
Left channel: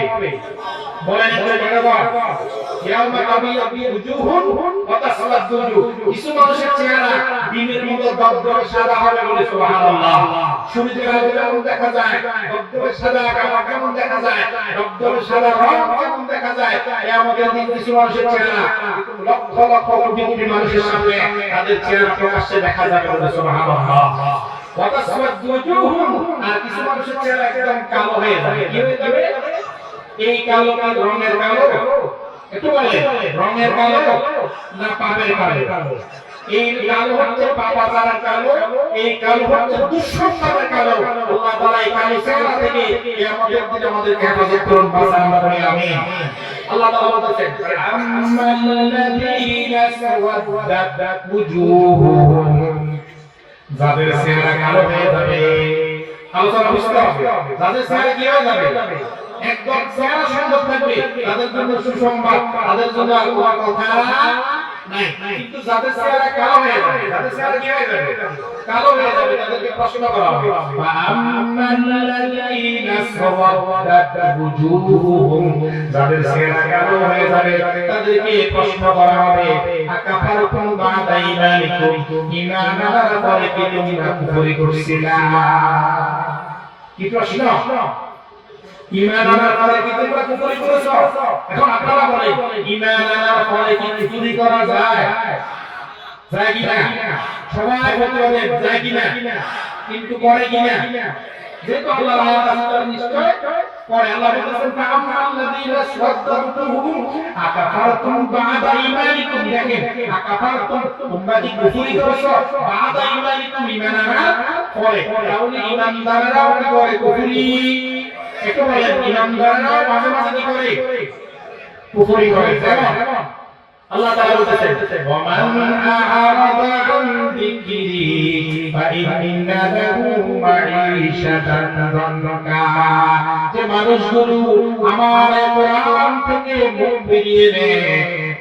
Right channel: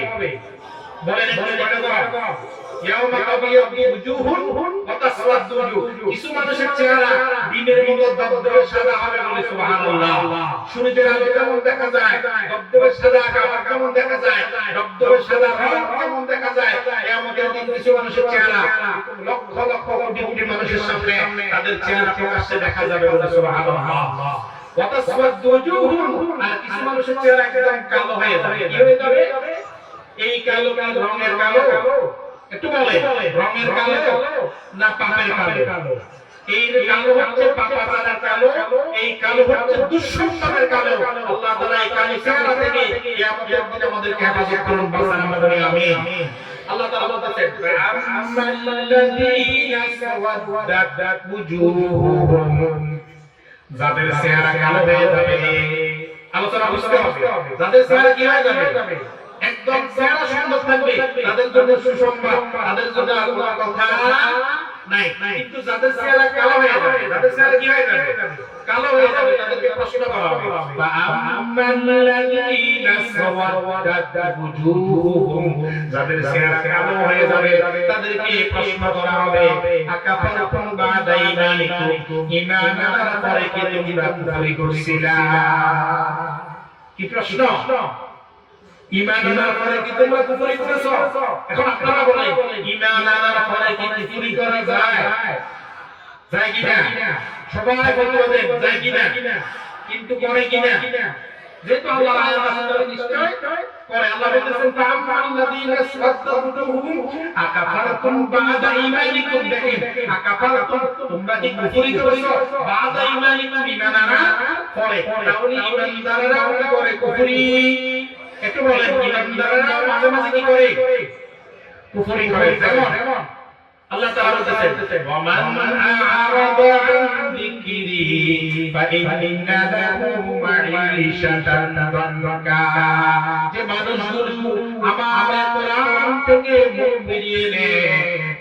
বলেন দাও ইয়াউমা তাবিয়াতু উজুহুন ওয়া তাসওয়াদু উজুহ কিছু মানুষের চেহারা দিনের মতো দগদগে সাদা হবে বলে সুবহানাল্লাহ সূর্যের আলো যেমন দেখা যায় দগদগে সাদা কেমন দেখা যায় দগদগে সাদা রং কেমন দেখা যায় কিয়ামতের দিন কিছু মানুষের চেহারা লক্ষ লক্ষ কোটি মানুষের সামনে তাদের চেহারা প্রকাশ্যে দেখা যাবে বলে সুবহানাল্লাহ ওয়া তাসওয়াদু উজুহুন আর কিছু মানুষের চেহারা একদম কালো হয়ে যাবে কি হয়ে যাবে এই কালো কালো রঙের কালো একটু বলে রঙের কালো না পাপের কালো এই কালো হচ্ছে পাপাচারের কালো এই কালো হচ্ছে দুঃসংস্কারের কালো আল্লাহ তাআলা এই কালো চেহারা থেকে কিয়ামতের দিনে আমাদেরকে হেফাজত করুন বারবার আমরা বলি আমিন আল্লাহ তাআলা বলেন আম্মাল্লাযীনা সাওয়াদাত উজুহুহুম যাদের চেহারা কালো হয়ে যাবে আলোচনা বুঝতে হবে যাদের চেহারা কি হয়ে যাবে একদম চেহারা সুন্দর থাকবে তাদের জন্য সুসংবাদ তাদের জন্য আল্লাহর কথা নাই কিন্তু যাদের চেহারা কালো হয়ে যাবে যাদের চেহারা কি হয়ে যাবে কালো হয়ে যাবে তাদেরকে প্রশ্ন করা হবে ফাআম্মাল্লাযীনা সাওয়াদাত ওজুহুহুম যাদের চেহারা কালো হয়ে যাবে তাদেরকে প্রশ্ন করা হবে আকাফারতুম বা'দা ঈমানিকুম ঈমান আনার পরে কি তোমরা কুফরি করেছিলা কি প্রশ্ন ঈমান আনার পরে কি তোমরা কুফরি করেছো এখন আপনারা বলেন ঈমান আনার পরে কি কুফরি করা যায় যায় কি না সবাই বলতে যায় কি না কিন্তু করে কি না যেহেতু আল্লাহ তাআলা নিশ্চয় করে আল্লাহ বলেছেন ফাআম্মাল্লাযীনা সাদ্দাতুহুম আকাফারতুম বা'দা ঈমানিকুম দেখেন আকাফারতুম তোমরা কি কুফরি করেছো বা'দা ঈমানিকুম ঈমান আনার পরে তাহলে ঈমানদাররা করে কুফরি একটু বলেন ঈমানদাররা মাঝে মাঝে কি করে কুফরি করে যেমন আল্লাহ তাআলা বলতেছেন ওয়া মান আ'রাদা আন যিকরি ফাইন্না লাহু মাঈশাতান দানকা যে মানুষগুলো আমার কোরআন থেকে মুখ ফিরিয়ে নেয়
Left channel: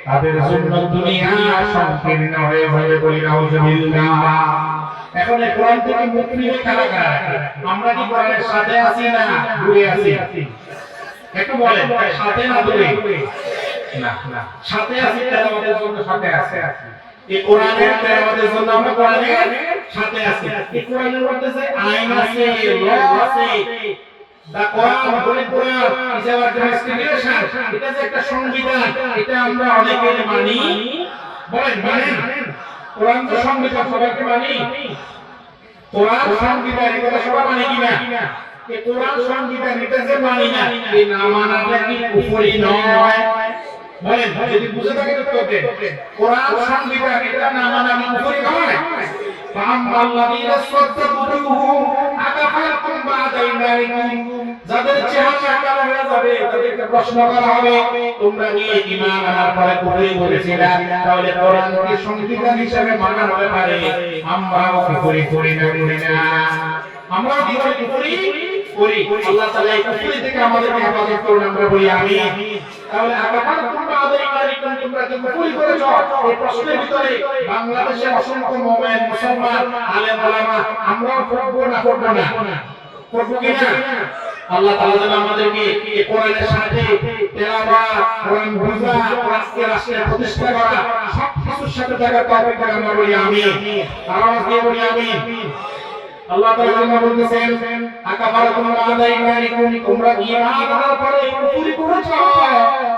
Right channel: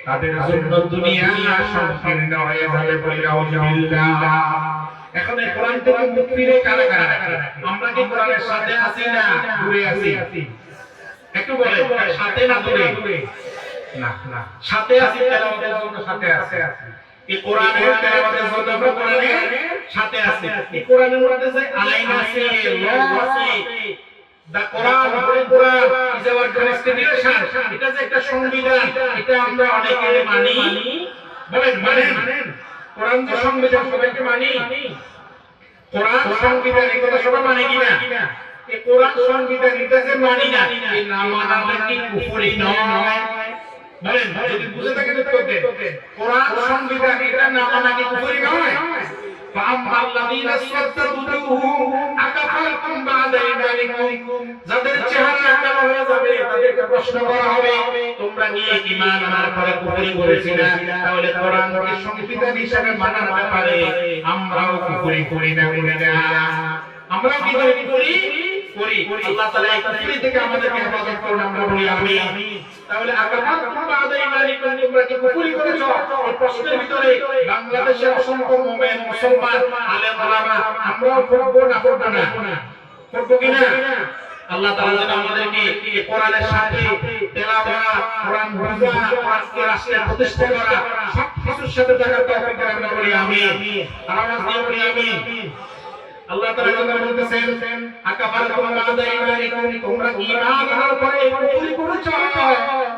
তাদের জন্য দুনিয়া সংকীর্ণ হয়ে যাবে বলে নাউজুবিল্লাহ এখন এই কোরআন থেকে মুখ ফিরিয়ে কারা আমরা কি কোরআনের সাথে আছি না দূরে আছি একটু বলেন সাথে না দূরে না সাথে আছে তেলাওয়াতের জন্য সাথে আছে এই কোরআনের তেলাওয়াতের জন্য আমরা কোরআনের সাথে আছে এই কোরআনের মধ্যে যে আইন আছে ল আছে দা কোরআন বলে কোরআন ইজ আওয়ার কনস্টিটিউশন এটা যে একটা সংবিধান এটা আমরা অনেকে মানি বলেন মানেন কোরআন তো সংবিধান সবাইকে মানি কোরআন সংবিধান এটা সবাই মানে কিনা এই কোরআন সংবিধান এটা যে মানি না এই না মানাটা কি কুফরি নয় বলেন যদি বুঝে থাকেন তো বলেন কোরআন সংবিধান এটা না মানা কি কুফরি নয় ফাআম্মাল্লাযীনা সাদ্দাতুহুম আকাফারতুম বা'দা ঈমানিকুম যাদের চেহারা কালো হয়ে যাবে তাদেরকে প্রশ্ন করা হবে তোমরা কি ঈমান আনার পরে কুফরি করেছিলা তাহলে কোরআন কি সংবিধান হিসেবে মানা হতে পারে আমরাও কুফরি করি না আমরাও কি করি আল্লাহ তাআলা এই কুফরি থেকে আমাদেরকে হেফাজত করুন আমরা বলি আমিন তাহলে আকাফারতুম বা'দা ঈমানিকুম তোমরা কি কুফরি করেছো এই প্রশ্নের ভিতরে বাংলাদেশের অসংখ্য মুমিন মুসলমান আলেম ওলামা আমরাও করবো না করবো কিনা আল্লাহ তাআলা আমাদেরকে কোরআনের সাথে তেলাওয়াত কোরআন বোঝা আজকে রাষ্ট্রের প্রতিষ্ঠা করা সব কিছুর সাথে থাকার তৌফিক আমরা বলি আমিন আওয়াজ দিয়ে বলি আমিন আল্লাহ তাআলা বলতেছেন আকাফারতুম বা'দা ঈমানিকুম তোমরা ঈমান আনার পরে কুফরি করেছো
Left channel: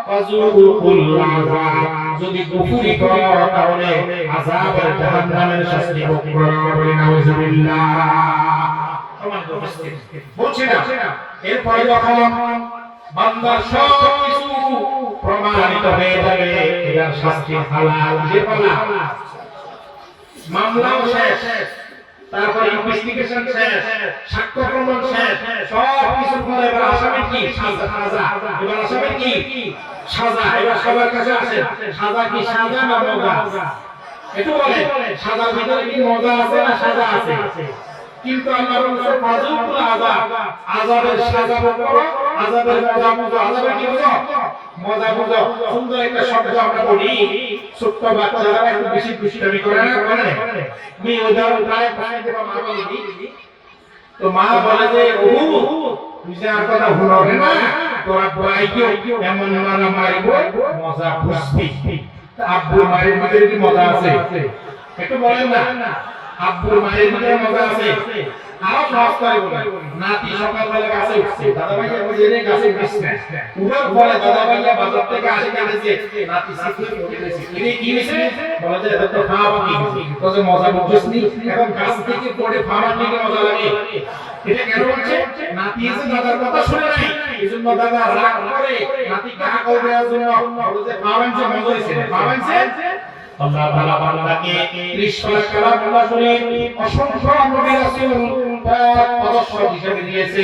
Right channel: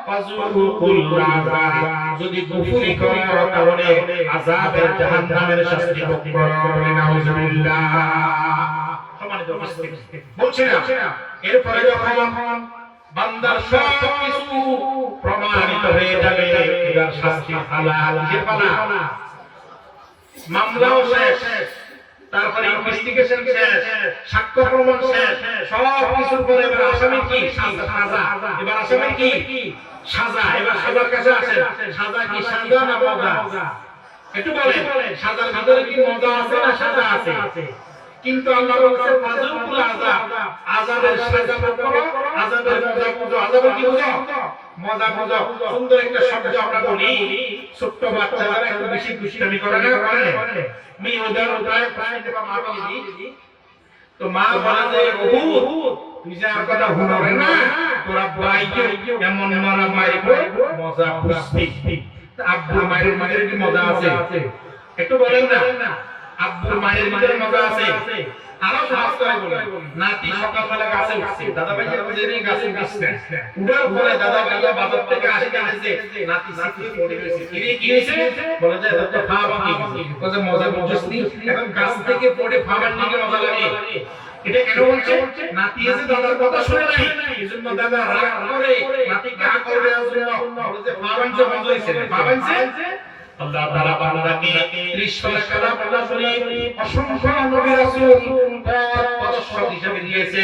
ফাযুকুল আযাব যদি কুফরি করো তাহলে আযাবে জাহান্নামের শাস্তি ভোগ করবে নাউজুবিল্লাহ বলছে না এরপরে যখন বান্দার সব কিছু প্রমাণিত হয়ে যাবে এর শাস্তি হালাল যেপানা মামলাও শেষ তারপরে ইনভেস্টিগেশন শেষ সাক্ষ্য প্রমাণ শেষ সব কিছু পরে এবার আসামি কি সাজা এবার আসামি কি সাজা এবার সবার কাছে আছে সাজা কি সাজা না মজা একটু বলেন সাজার ভিতরে কি মজা আছে না সাজা আছে কিন্তু আল্লাহ বলেন ফাযুকুল আযাব আযাবের সাজা করো আযাবের মজা আযাবের কি মজা সুন্দর একটা শব্দ আমরা বলি ছোট্ট বাচ্চারা এত বেশি দুষ্টামি করে আমি ওদের প্রায় দেখো মা বলি তো মা বলে যে ও তুই যে আর কথা শুনবে না তোরা ভাইকে এমন মারবো মজা খুশি আব্বু মায়ের কি মজা আছে একটু বলেন না আব্বুর মায়ের মজা আছে আরো সহজ করে বলি নাতি সকালবেলা গাছে উঠছে দাদা ভাই যে গাছে উঠছে উঠার পরে দাদা ভাই বাজার থেকে আসে কাছে নাতি সাথে পড়ে গেছে কি হইছে বলে যে দাদা খাওয়া বলে মজা বুঝছনি এখন গাছ থেকে পড়ে ফামার দিকে মজা লাগে এটা কেন হচ্ছে নাতি এসে দাদার কথা শুনে নাই এজন্য দাদা রাগ করে নাতি কাকে করে দেওয়ার জন্য বলে যে ফামার যে মজা হইছে ফামার যে আল্লাহ তাআলা বান্দাকে 30 লাখ কালাম আল্লাহ শুনে অসংখ্য নবী রাসূল পদস্পর্শ হিসেবে দিয়েছে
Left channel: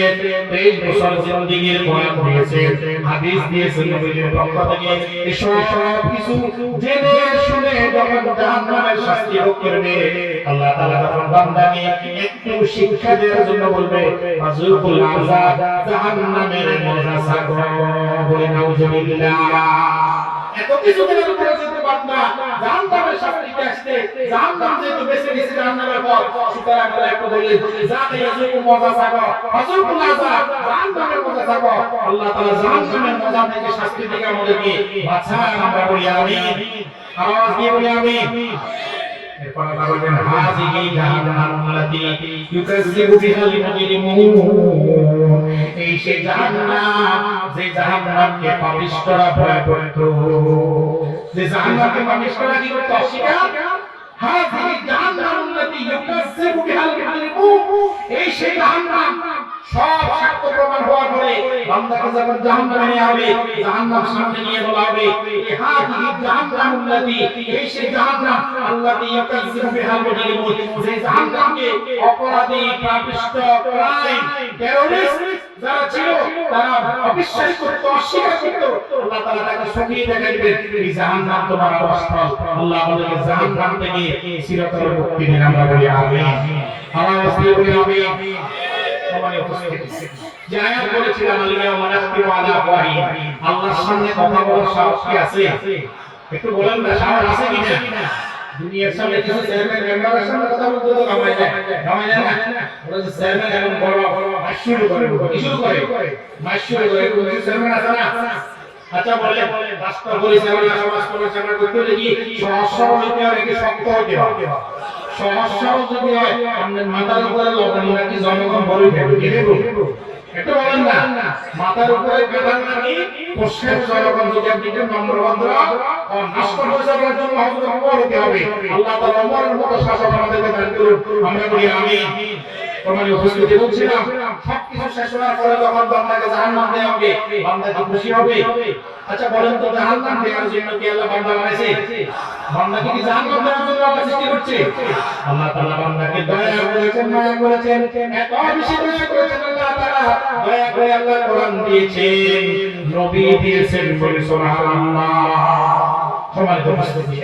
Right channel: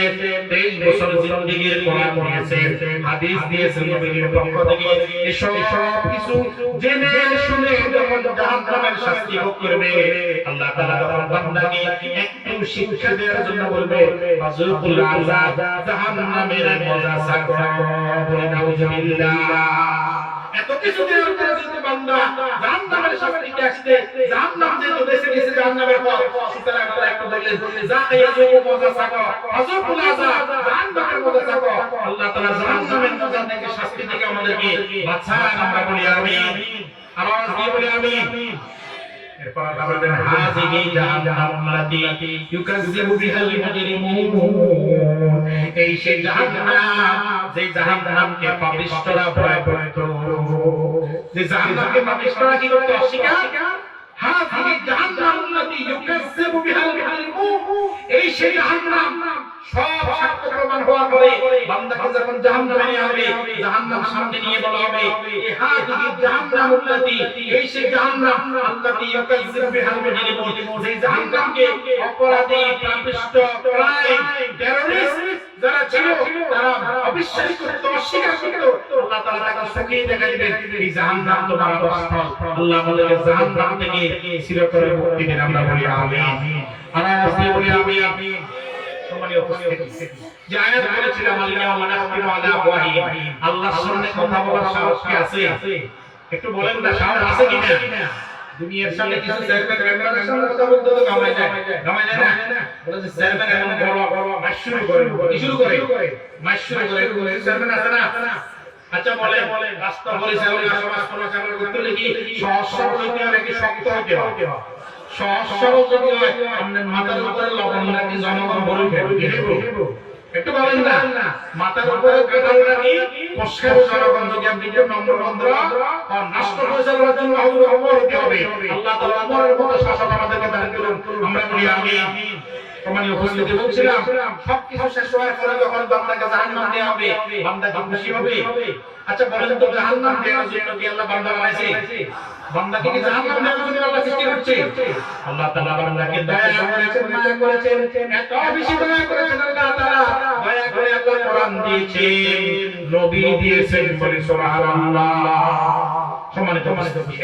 23 বছর জিন্দেগির বয়ান করেছে হাদিস দিয়েছে নবীর পক্ষ থেকে এসব কিছু জেনে শুনে যখন জাহান্নামের শাস্তি ভোগ করবে আল্লাহ তাআলা তার বান্দাকে একটু শিক্ষা দেওয়ার জন্য বলবে ফাযুকুল আযাব জাহান্নামের মজা সাকো বলে নাউজুবিল্লাহ এত কিছু দেওয়ার পরে বান্দা জাহান্নামের শাস্তিতে আসছে জাহান্নাম যেহেতু বেশি বেশি জাহান্নামের পথ সুতরাং তারা একটু বললে যাতে এজন্য মজা পাবো হযরতুল আযাব জাহান্নামের মজা পাবো আল্লাহ তাআলা জাহান্নামের মজা থেকে শাস্তি থেকে আমাদেরকে বাঁচায় আমরা বলি আমিন আওয়াজ দিয়ে বলি আমিন এরপর আল্লাহ বলেন হাযিহি জাহান্নাম আল্লাতী ইউকাযযিবু বিহাল মুজরিমুন এই সেই জাহান্নাম যে জাহান্নামকে পাপিষ্ঠরা ভয় পেত যে জাহান্নামকে পাপিষ্ঠরা কি করতে অস্বীকার হাযিহি জাহান্নাম আল্লাতী ইউকাযযিবু বিহাল মুজরিমুন এই সেই জাহান্নাম সব সাক্ষ্য প্রমাণ হওয়ার পরে বান্দাকে যখন জাহান্নামে আনবে জাহান্নাম সামনে নিয়ে বলা হবে এই হাযিহি জাহান্নাম আল্লাতী এই সেই জাহান্নাম আল্লাতী ইউকাযযিবু বিহাল মুজরিমুন যে জাহান্নামকে অপরাধী পাপিষ্ঠ ক্রাইম টেররিস্ট যারা ছিল তারা অবিশ্বাস করত অস্বীকার করত আল্লাহ তাআলা তাকে সঙ্গী দেখাইবেন এই জাহান্নাম তোমার অবস্থা আল্লাহ আমাদের জাহান্নাম থেকে চিরতরে মুক্তি দিন আমরা বলি আমিন আওয়াজ দিয়ে বলি আমিন যে আয়াত বলেছিলাম আল্লাহর সামনে কথা বলার সাহস কি আছে একটু বলেন না সাহস আছে কিনা দুনিয়ার সামনে কিছু চেয়ারম্যান মেম্বারের সামনে কথা বলতে তো কামাই যায় না ওরা যে চেয়ারম্যান এরকম বড় বড় মাইক শুরু করে মাইক শুরু করে চেয়ারম্যান আছে না আচ্ছা বলে রাস্তা পরিচালনা সমাজ পরিচালনা করতে দেখি সহজ সরল যদি হয় কি শক্ত হতে হয় সহজ সরল যদি হয় আপনি মাথার উপরে লবণ রাখি জনগণ বলি ঘেরিব একটু বলেন না মাথার উপরে গেলেন নাকি কোষ্ঠের জনগণ যদি আপনি যে নম্বর বন্ধ নষ্ট হয়ে যাওয়ার জন্য অমর হতে হবে আল্লাহ তাআলা অমরের মতো শাসক আমাদেরকে দান করুন আমরা বলি আমিন প্রমাণীয় উপস্থিতি বলছিলাম সবকিছু শেষ হওয়ার পরে যখন বান্দাকে জাহান্নাম নিয়ে হবে বান্দা কি খুশি হবে আচ্ছা বলেন তো জাহান্নাম দেওয়ার জন্য কি আল্লাহ বান্দা বানাইছে বান্দাকে কি জাহান্নাম দেওয়ার জন্য আল্লাহ সৃষ্টি করছে আল্লাহ তাআলা বান্দাকে দয়া করেছেন মায়া করেছেন এত বেশি দয়া করেছেন আল্লাহ তাআলা দয়া করে আল্লাহ কোরআন দিয়েছেন নবী দিয়েছেন বলি সুবহানাল্লাহ সম্মানিত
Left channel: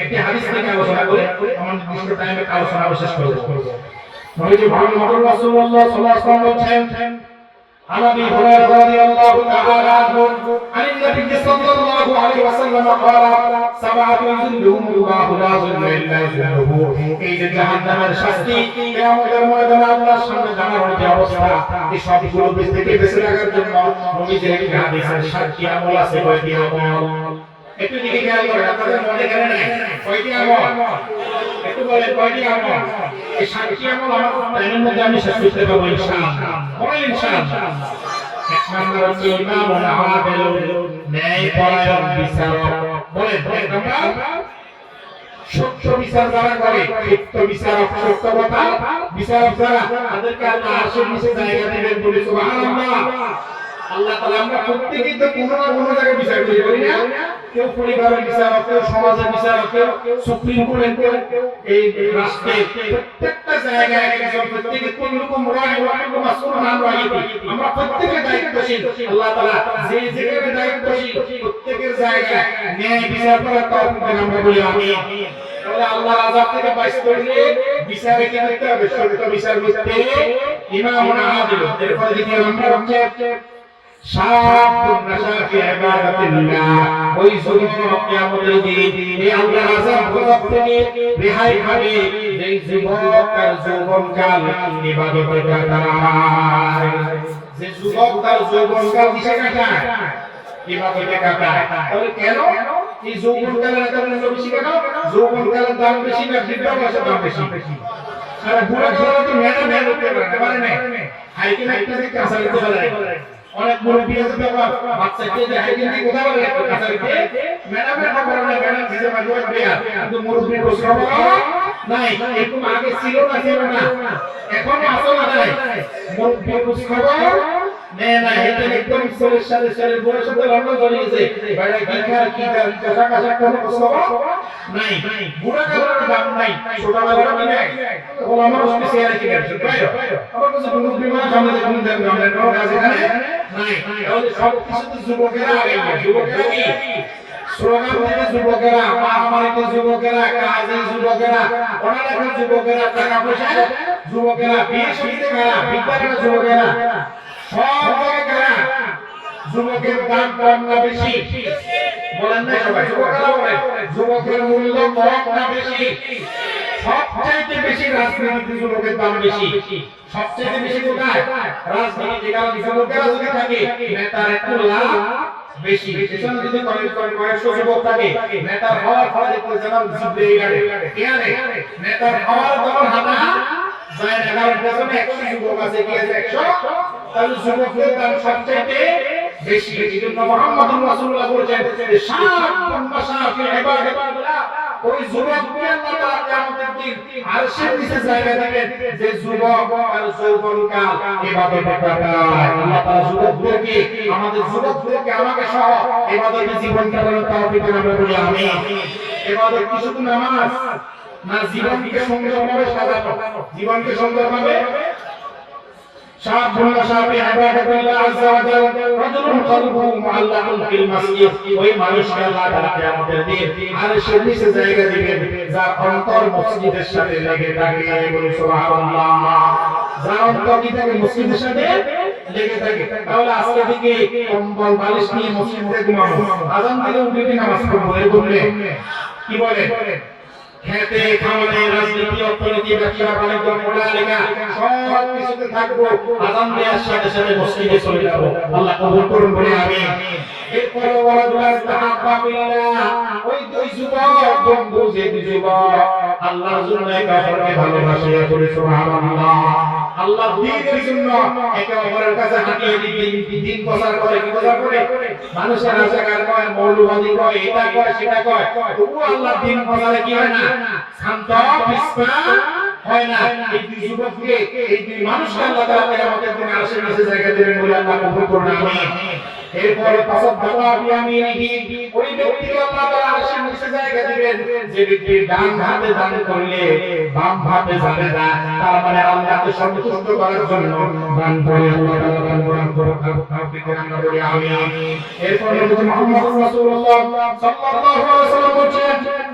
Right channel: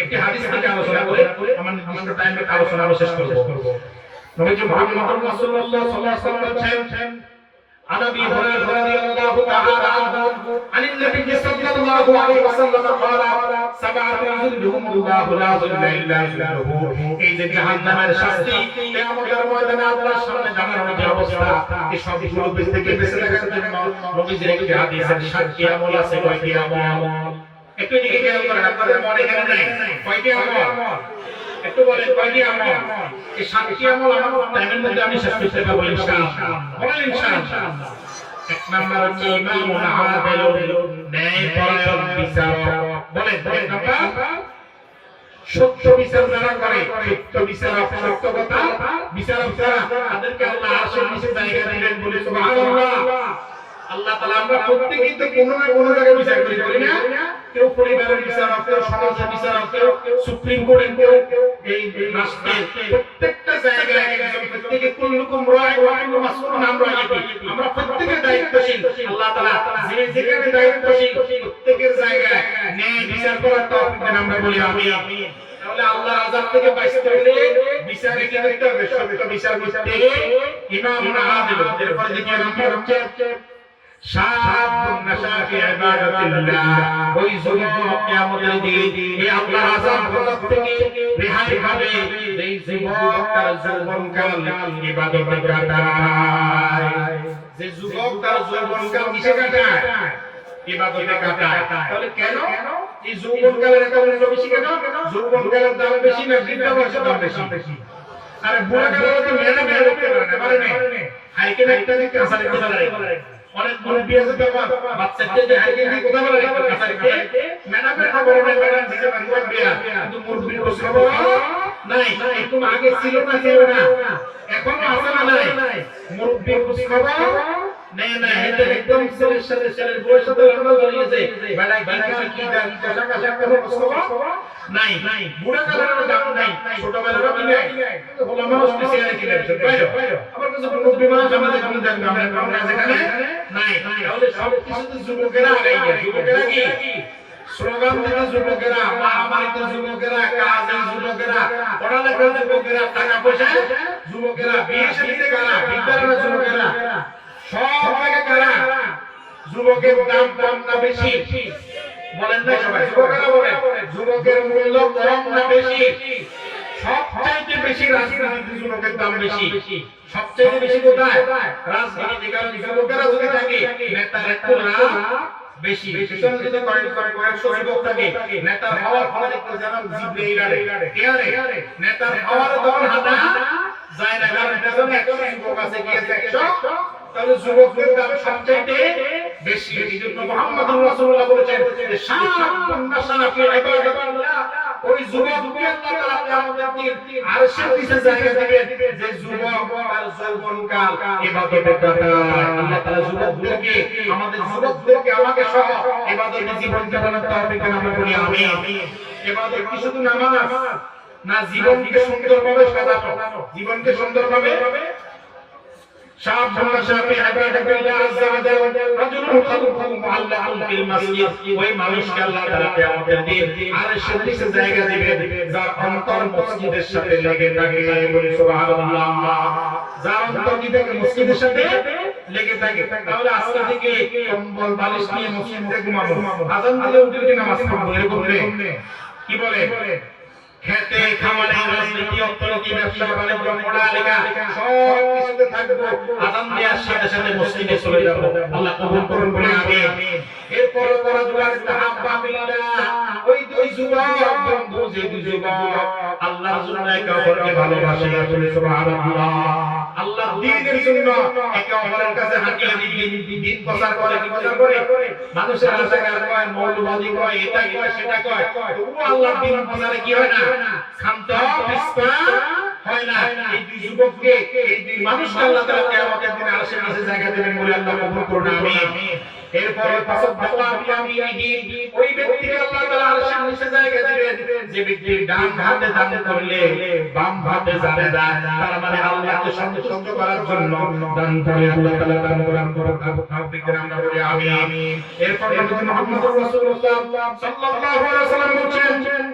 একটি হাদিস থেকে আলোচনা করে আমার টাইমে আলোচনা শেষ করব নবীজি মুহাম্মদ রাসূলুল্লাহ সাল্লাল্লাহু আলাইহি ওয়াসাল্লাম বলেন عن ابي هريره رضي الله تعالى عنه عن النبي صلى الله عليه وسلم قال سبعه يظلهم الله لا ظل الا ظله এই যে জাহান্নামের শাস্তি কিয়ামতের ময়দানে আল্লাহর সামনে জানার যে অবস্থা এই সবগুলো থেকে বেঁচে থাকার জন্য নবীজি একটি হাদিসের সাক্ষী আমল আছে কয়টি আমল একটু দিকে খেয়াল করেন আপনাদের মনে কেন নাই কয়টি আমল একটু বলেন কয়টি আমল এই সাক্ষী আমল আমার টাইমের মধ্যে আমি শেষ করতে পারবো ইনশাআল্লাহ বলেন ইনশাআল্লাহ এক নম্বর হচ্ছে ইমামুল আদিলুন ন্যায় পরায়ণ বিচারক বলেন আমরা সত্য বিচার যারা করে সত্য বিচারক সত্য কথা বিচারক যারা তাদেরকে আল্লাহ আরশের নিচে জায়গা দিবেন বলে সুবহানাল্লাহ আল্লাহ তাআলা আমরা প্রত্যেকই তো কোনো না কোনো জায়গায় বিচার করি না কেউ পরিবারের বিচারক কেউ সমাজের বিচারক কেউ সুপ্রিম কোর্টের কেউ এই রাষ্ট্রে প্রত্যেকটা জায়গায় প্রত্যেকে কোন রকম রায় মাসুল নাম রাখি আমরা প্রত্যেকের দায়িত্বশীল আল্লাহ তাআলা যে যেখানে দায়িত্বশীল প্রত্যেকের জায়গায় ন্যায় বিচার করার তৌফিক আমরা বলি আমিন তাহলে আল্লাহ আযাব থেকে বাঁচতে হলে বিচারে কি করতে হবে সত্য বিচার করতে ইমামুল আদিল এরপর দেখি আমরা শাহাদাতুন নাশাফি ইবাদাতিল্লাহ ওই যুবক কিয়ামতের দিন এই আল্লাহর আযাব থেকে রেহাই পাবে এই যুবকটা যৌবনকাল ইবাদত কাটায় যে যুবকটা যৌবনকাল কিসে কাটায় ইবাদতে কাটায় তাহলে কেন এই যৌবনকালের কারণে বেশি কেন যৌবনকালের দাম বেশি না বৃদ্ধাবস্থার দাম বেশি আরে বুড়া কালে তো মেয়েটা করতে পারে না আইকে একটা দিকে কাছারি করে অনেক মুরব্বি আছে বাচ্চাকে দেখে কথা বলে কাছারিতে ম্যাডাম করে না নিজে মানুষ বিয়া কিন্তু মুরব্বি বসে নাই এরকম আগে ছিল না এখন আছে না নাই মুরব্বি বসে না এটা একদম সাথে বয়স ধরে জড়িয়েছে বেড়া কি টাকা নাই বুড়া কালের দাম নাই ছোটবেলার মানে ওলামা স্পেশাল কি আবার কিছু মুরব্বি মানুষ আমাদের সামনে দেখবেন আমরা যেখানে নাই তাহলে সব কিছু যুবকেরা কি স্লোগান দেওয়া যুবকেরা আমার তো যুবকেরা কাজে যুবকেরা পড়ালেখা যুবকেরা টাকা পয়সা যুবকেরা বিয়ে শাদী করা বিদ্যালয়ের যুবকেরা সব জায়গায় যুবকের দাম না বেশি বলেন না সবাই, যুবকেরা বলেন যুবকের মূল্য কম না বেশি? সবচেয়ে বেশি রাজনীতি যুবকের দাম বেশি। সবচেয়ে বেশি কোথায়? রাজনীতি। কারণ যুবকেরা যদি থাকে নেতার একটু লাভ বেশি। পিছনে যদি কয়েকশো যুবক থাকে নেতার হওয়ার ফলে যেমন জিতলেই গাড়ে কি হয়? নেতার হওয়ার তখন হাঁটা যায় না, কারণ এটা যখন 100 যুবক আছে কি আছে 100, তাহলে যুবকের দাম সবচেয়ে বেশি। এইজন্য মুহাম্মদ রাসূলুল্লাহ বলেছেন ওই যুবককে আল্লাহ তাআলা কিয়ামতের দিন আরশের নিচে জায়গা দিবেন যে যুবক আর যৌবনকাল ইবাদতে কাটায়। আল্লাহ তাআলা যুবকদেরকে আমাদের যুবকদেরকে আমাকে সহ ইবাদতে জীবন কাটানোর তৌফিক দান করুন, আমিন। ইবাদত কি শুধু নামাজ না, জীবনকে সুন্দরভাবে সাজানো, জীবনকে সুন্দরভাবে ওই মানুষকে আল্লাহ তাআলা কিয়ামতের দিন আরশের নিচে জায়গা দিবেন যার অন্তর মসজিদের সাথে লেগে থাকে। সুবহানাল্লাহ। যার অন্তর মসজিদের সাথে লেগে থাকে। তাহলে আজকে থেকে কম্বল বালিশ নিয়ে মসজিদে ঘুমাবো, আযান দিলেও দুইটি নামাজ পড়বো, এগুলো কি বলে? খেতে খাওয়াতে রাজনীতি অর্থনীতি ব্যবসা বাণিজ্য পড়ালেখা সব কিছুতে থাকবো, আযান দেওয়ার সাথে সাথে মসজিদে চলে যাবো। আল্লাহ কবুল করুন বলে আমিন। এরপর ওরা দুয়ার তাহাব্বা বিল্লাহ, ওই দুই যুবক বন্ধু, যে দুই যুবক আল্লাহর জন্য একে অপরকে ভালোবাসে, বলে সুবহানাল্লাহ। আল্লাহ দ্বীনের জন্য একে অপরের কাছে হাঁটিয়ে দিন প্রচার করে, কি প্রচার করে? মানুষের কাছে কয়, মৌলবাদী কয়, এটা কয়, সেটা কয়, তবু আল্লাহ দ্বীন প্রচারে কি হয় না? শান্ত বিস্ফা হয় না। এই দুই যুবককে, এই দুই মানুষকে আল্লাহ তাআলা কিয়ামতের দিন আরশের নিচে জায়গা দেবেন বলে আল্লাহ কবুল করুন, আমিন। এরপরে তাসাদ্দাকা বিয়ামিনিহি, ওই ব্যক্তিকে আল্লাহ তাআলা আরশের নিচে জায়গা দিবেন যে ব্যক্তি ডান হাতে দান করলে বাম হাতে যাবে না। তার মানে আল্লাহকে সন্তুষ্ট করার জন্য দান করে আল্লাহ তাআলা দান করার তৌফিক দান করুন, আমিন। এরপরে নবী মুহাম্মদ রাসূলুল্লাহ সাল্লাল্লাহু আলাইহি ওয়াসাল্লাম বলেন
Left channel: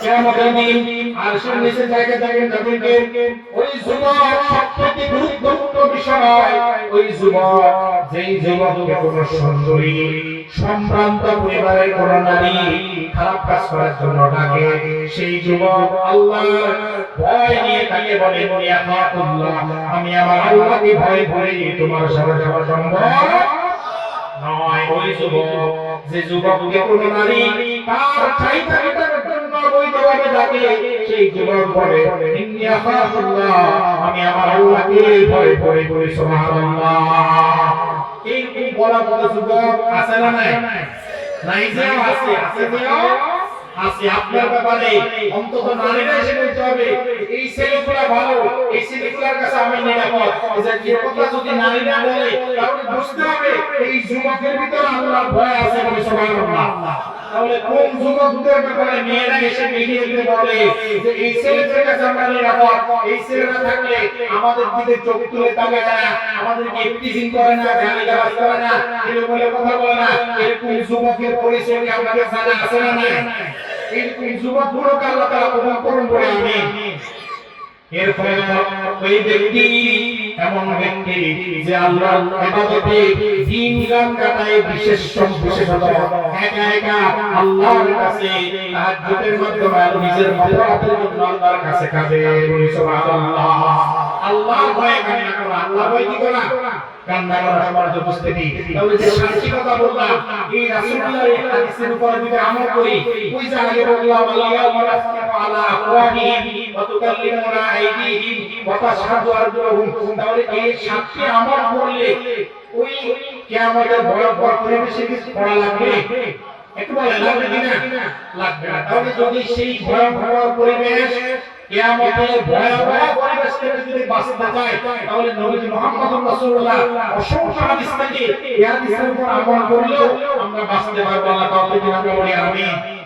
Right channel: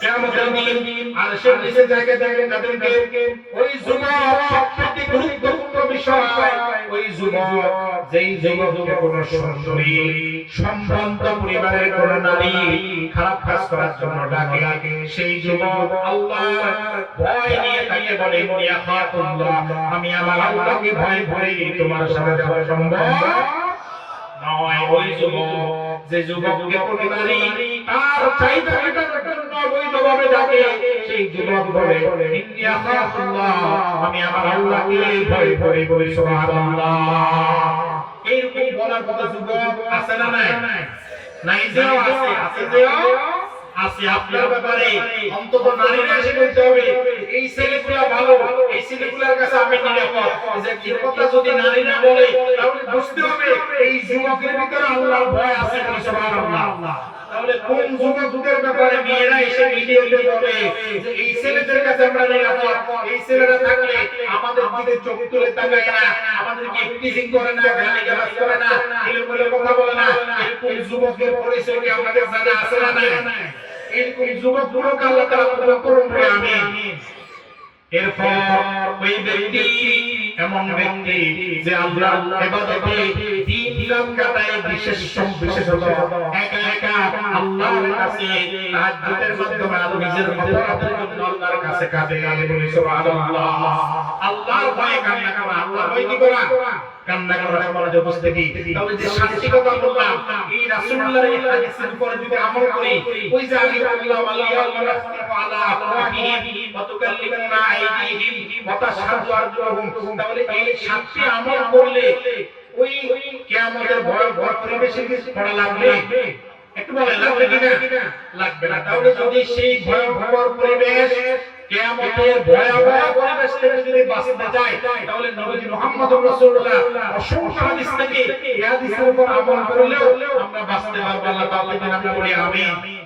কিয়ামতের দিন আরশের নিচে জায়গা দিবেন তাদেরকে ওই যুবক, সবচেয়ে গুরুত্বপূর্ণ বিষয় ওই যুবক, যেই যুবককে কোন সুন্দরী সম্ভ্রান্ত পরিবারের কোন নারী খারাপ কাজ করার জন্য ডাকে, সেই যুবক আল্লাহর ভয় নিয়ে বলে, ইয়া আল্লাহ, আমি আমার আল্লাহকে ভয় করে তোমার সাথে যাওয়া সম্ভব নয়। ওই যুবক, যে যুবককে কোন নারী তার চাইতে বৈধভাবে ডাকে, সেই যুবক বলে, ইন্নী আখাফুল্লাহ, আমি আমার আল্লাহকে ভয় করি। সুবহানাল্লাহ। এই বলা যুবক আছে না নাই? নাই যে আছে। আপনার ব্যাপারে অন্তত নারীরা এসে বলতে হবে, এই ছেলেগুলা ভালো, এই ছেলেগুলার কাছে আমি নিরাপদ। যে কথা যদি নারী না বলে তাহলে বুঝতে হবে এই যুবকের ভিতরে আল্লাহর ভয় আছে। সুবহানাল্লাহ। তাহলে কোন যুবকদের ব্যাপারে মেয়েরা এসে মিলিয়ে বলে যে এই ছেলেদের কাছে আমরা নিরাপদ, এই ছেলেরা থাকলে আমাদের দিকে চোখ তুলে তাকায় না, আমাদেরকে টিচিং করে না, গালিগালাজ করে না, এরকম কথা বলে না। এরকম যুবকের পরিচয় আমাদের জানা আছে না নাই? এরকম যুবকগুলোকে আল্লাহ তাআলা কবুল করুন বলে আমিন। এরপর ওই ব্যক্তি এমন ব্যক্তি যে আল্লাহর ইবাদতে দিন কাম কাটায়, বিশেষত একা আল্লাহর কাছে তাহাজ্জুদের মাধ্যমে নিজের মাওলানার জন্য আল্লাহর কাছে কাঁদে, বলি সুবহানাল্লাহ। আল্লাহর ভয়ে কান্না করা, আল্লাহর ভয় কি করা? কান্না করা আমাদের উপস্থিতি। তাহলে যে শান্তিকতা বললাম, এই রাসূলুল্লাহর এই হাদিসের উপর যদি আমল করি, ওই যে আগে বললাম আল্লাহ আলা আফওয়াহিহি ওয়া তুকাল্লিমুনা আইদিহিম ওয়া তাশহাদু আরজুলুহুম, তাহলে এই সাতটি আমল করলে ওই কিয়ামতের ভয় পরিবেশে পড়া লাগবে, একটু বলেন লাগবে কিনা? লাগবে না। তাহলে যদি সেই ভয়ঙ্কর পরিবেশ, কিয়ামতের ভয়াবহ পরিবেশ থেকে যদি বাঁচতে চাই, তাহলে নবী মুহাম্মদ রাসূলুল্লাহ অসংখ্য হাদিস থেকে এই হাদিসের উপর আমল করলেও আমরা বাঁচতে পারবো। আল্লাহ তাআলা তৌফিক দান করুন, আমিন।